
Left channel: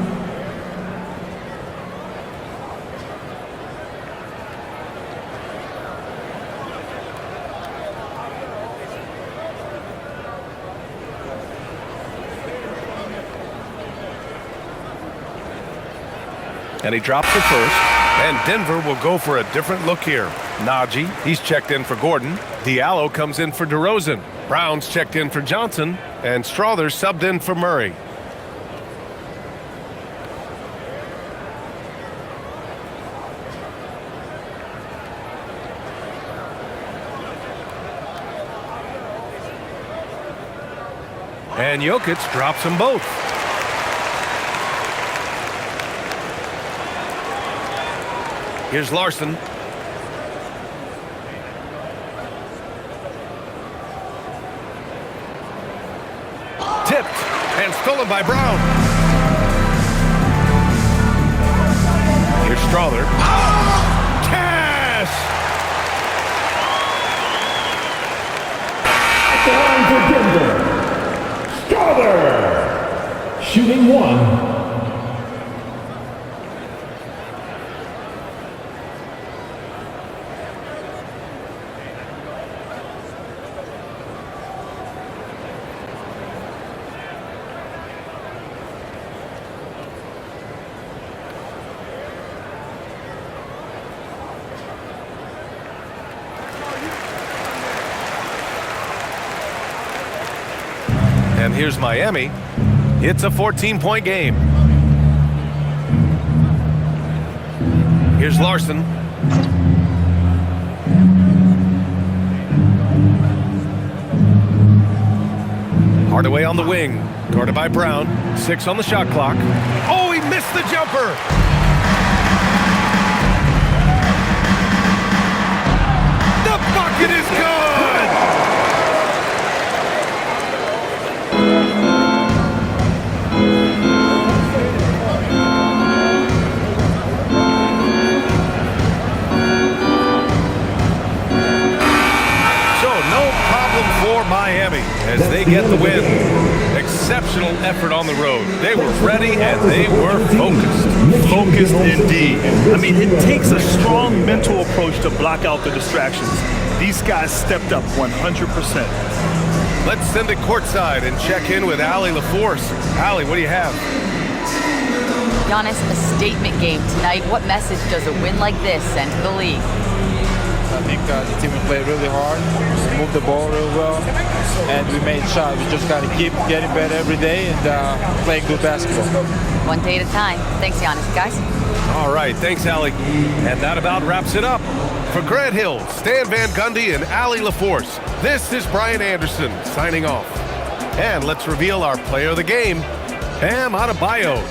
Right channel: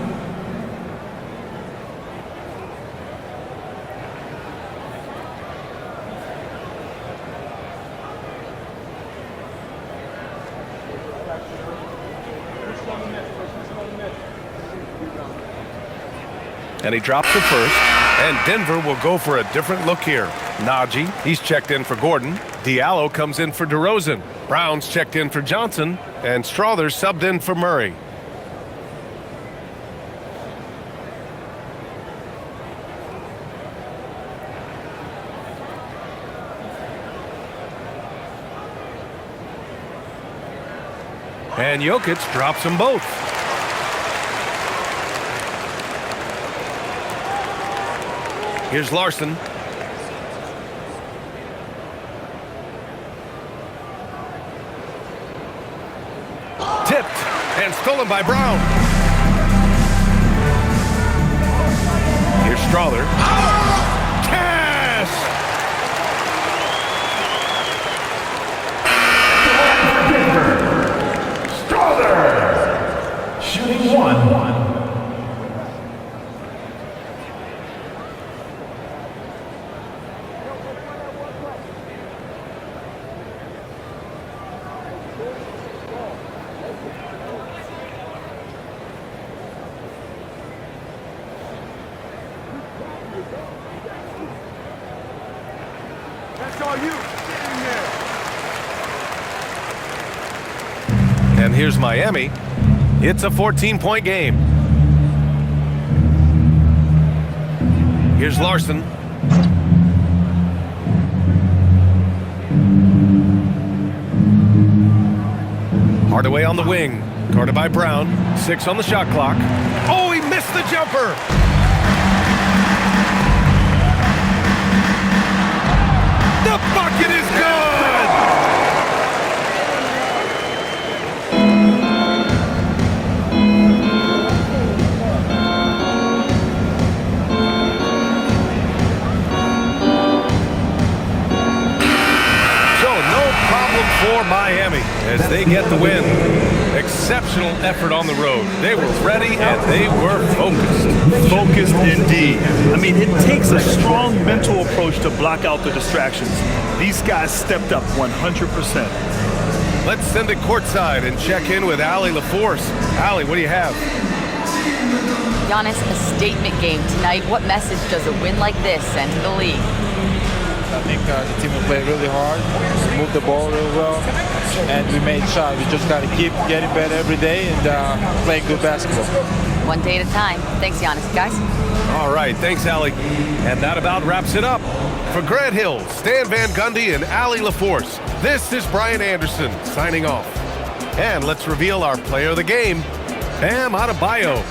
And he drops the first, and Denver will go for a different look here. Najee, he's checked in for Gordon. Diallo comes in for DeRozan. Brown's checked in for Johnson, and Strother's subbed in for Murray. And Jokic drops them both. Here's Larson. Tipped and stolen by Brown. Here's Strother. Cash! At the line for Denver, Strother, shooting 1. And here's Miami. It's a 14-point game. Here's Larson. Hardaway on the wing, guarded by Brown. 6 on the shot clock. Oh, he missed the jumper. The bucket is good. No problem for Miami as they get the win. Exceptional effort on the road. They were ready and they were focused. Focused indeed. I mean, it takes a strong mental approach to block out the distractions. These guys stepped up 100%. Let's send it courtside and check in with Allie LaForce. Allie, what do you have? Giannis, a statement game tonight. What message does a win like this send to the league? I think the team will play really hard, we moved the ball really well, and we made shots. We just got to keep getting better every day and playing good basketball. One day at a time. Thanks, Giannis. Guys? All right, thanks, Allie. And that about wraps it up. For Grant Hill, Stan Van Gundy, and Allie LaForce, this is Brian Anderson signing off. And let's reveal our player of the game, Bam Adebayo.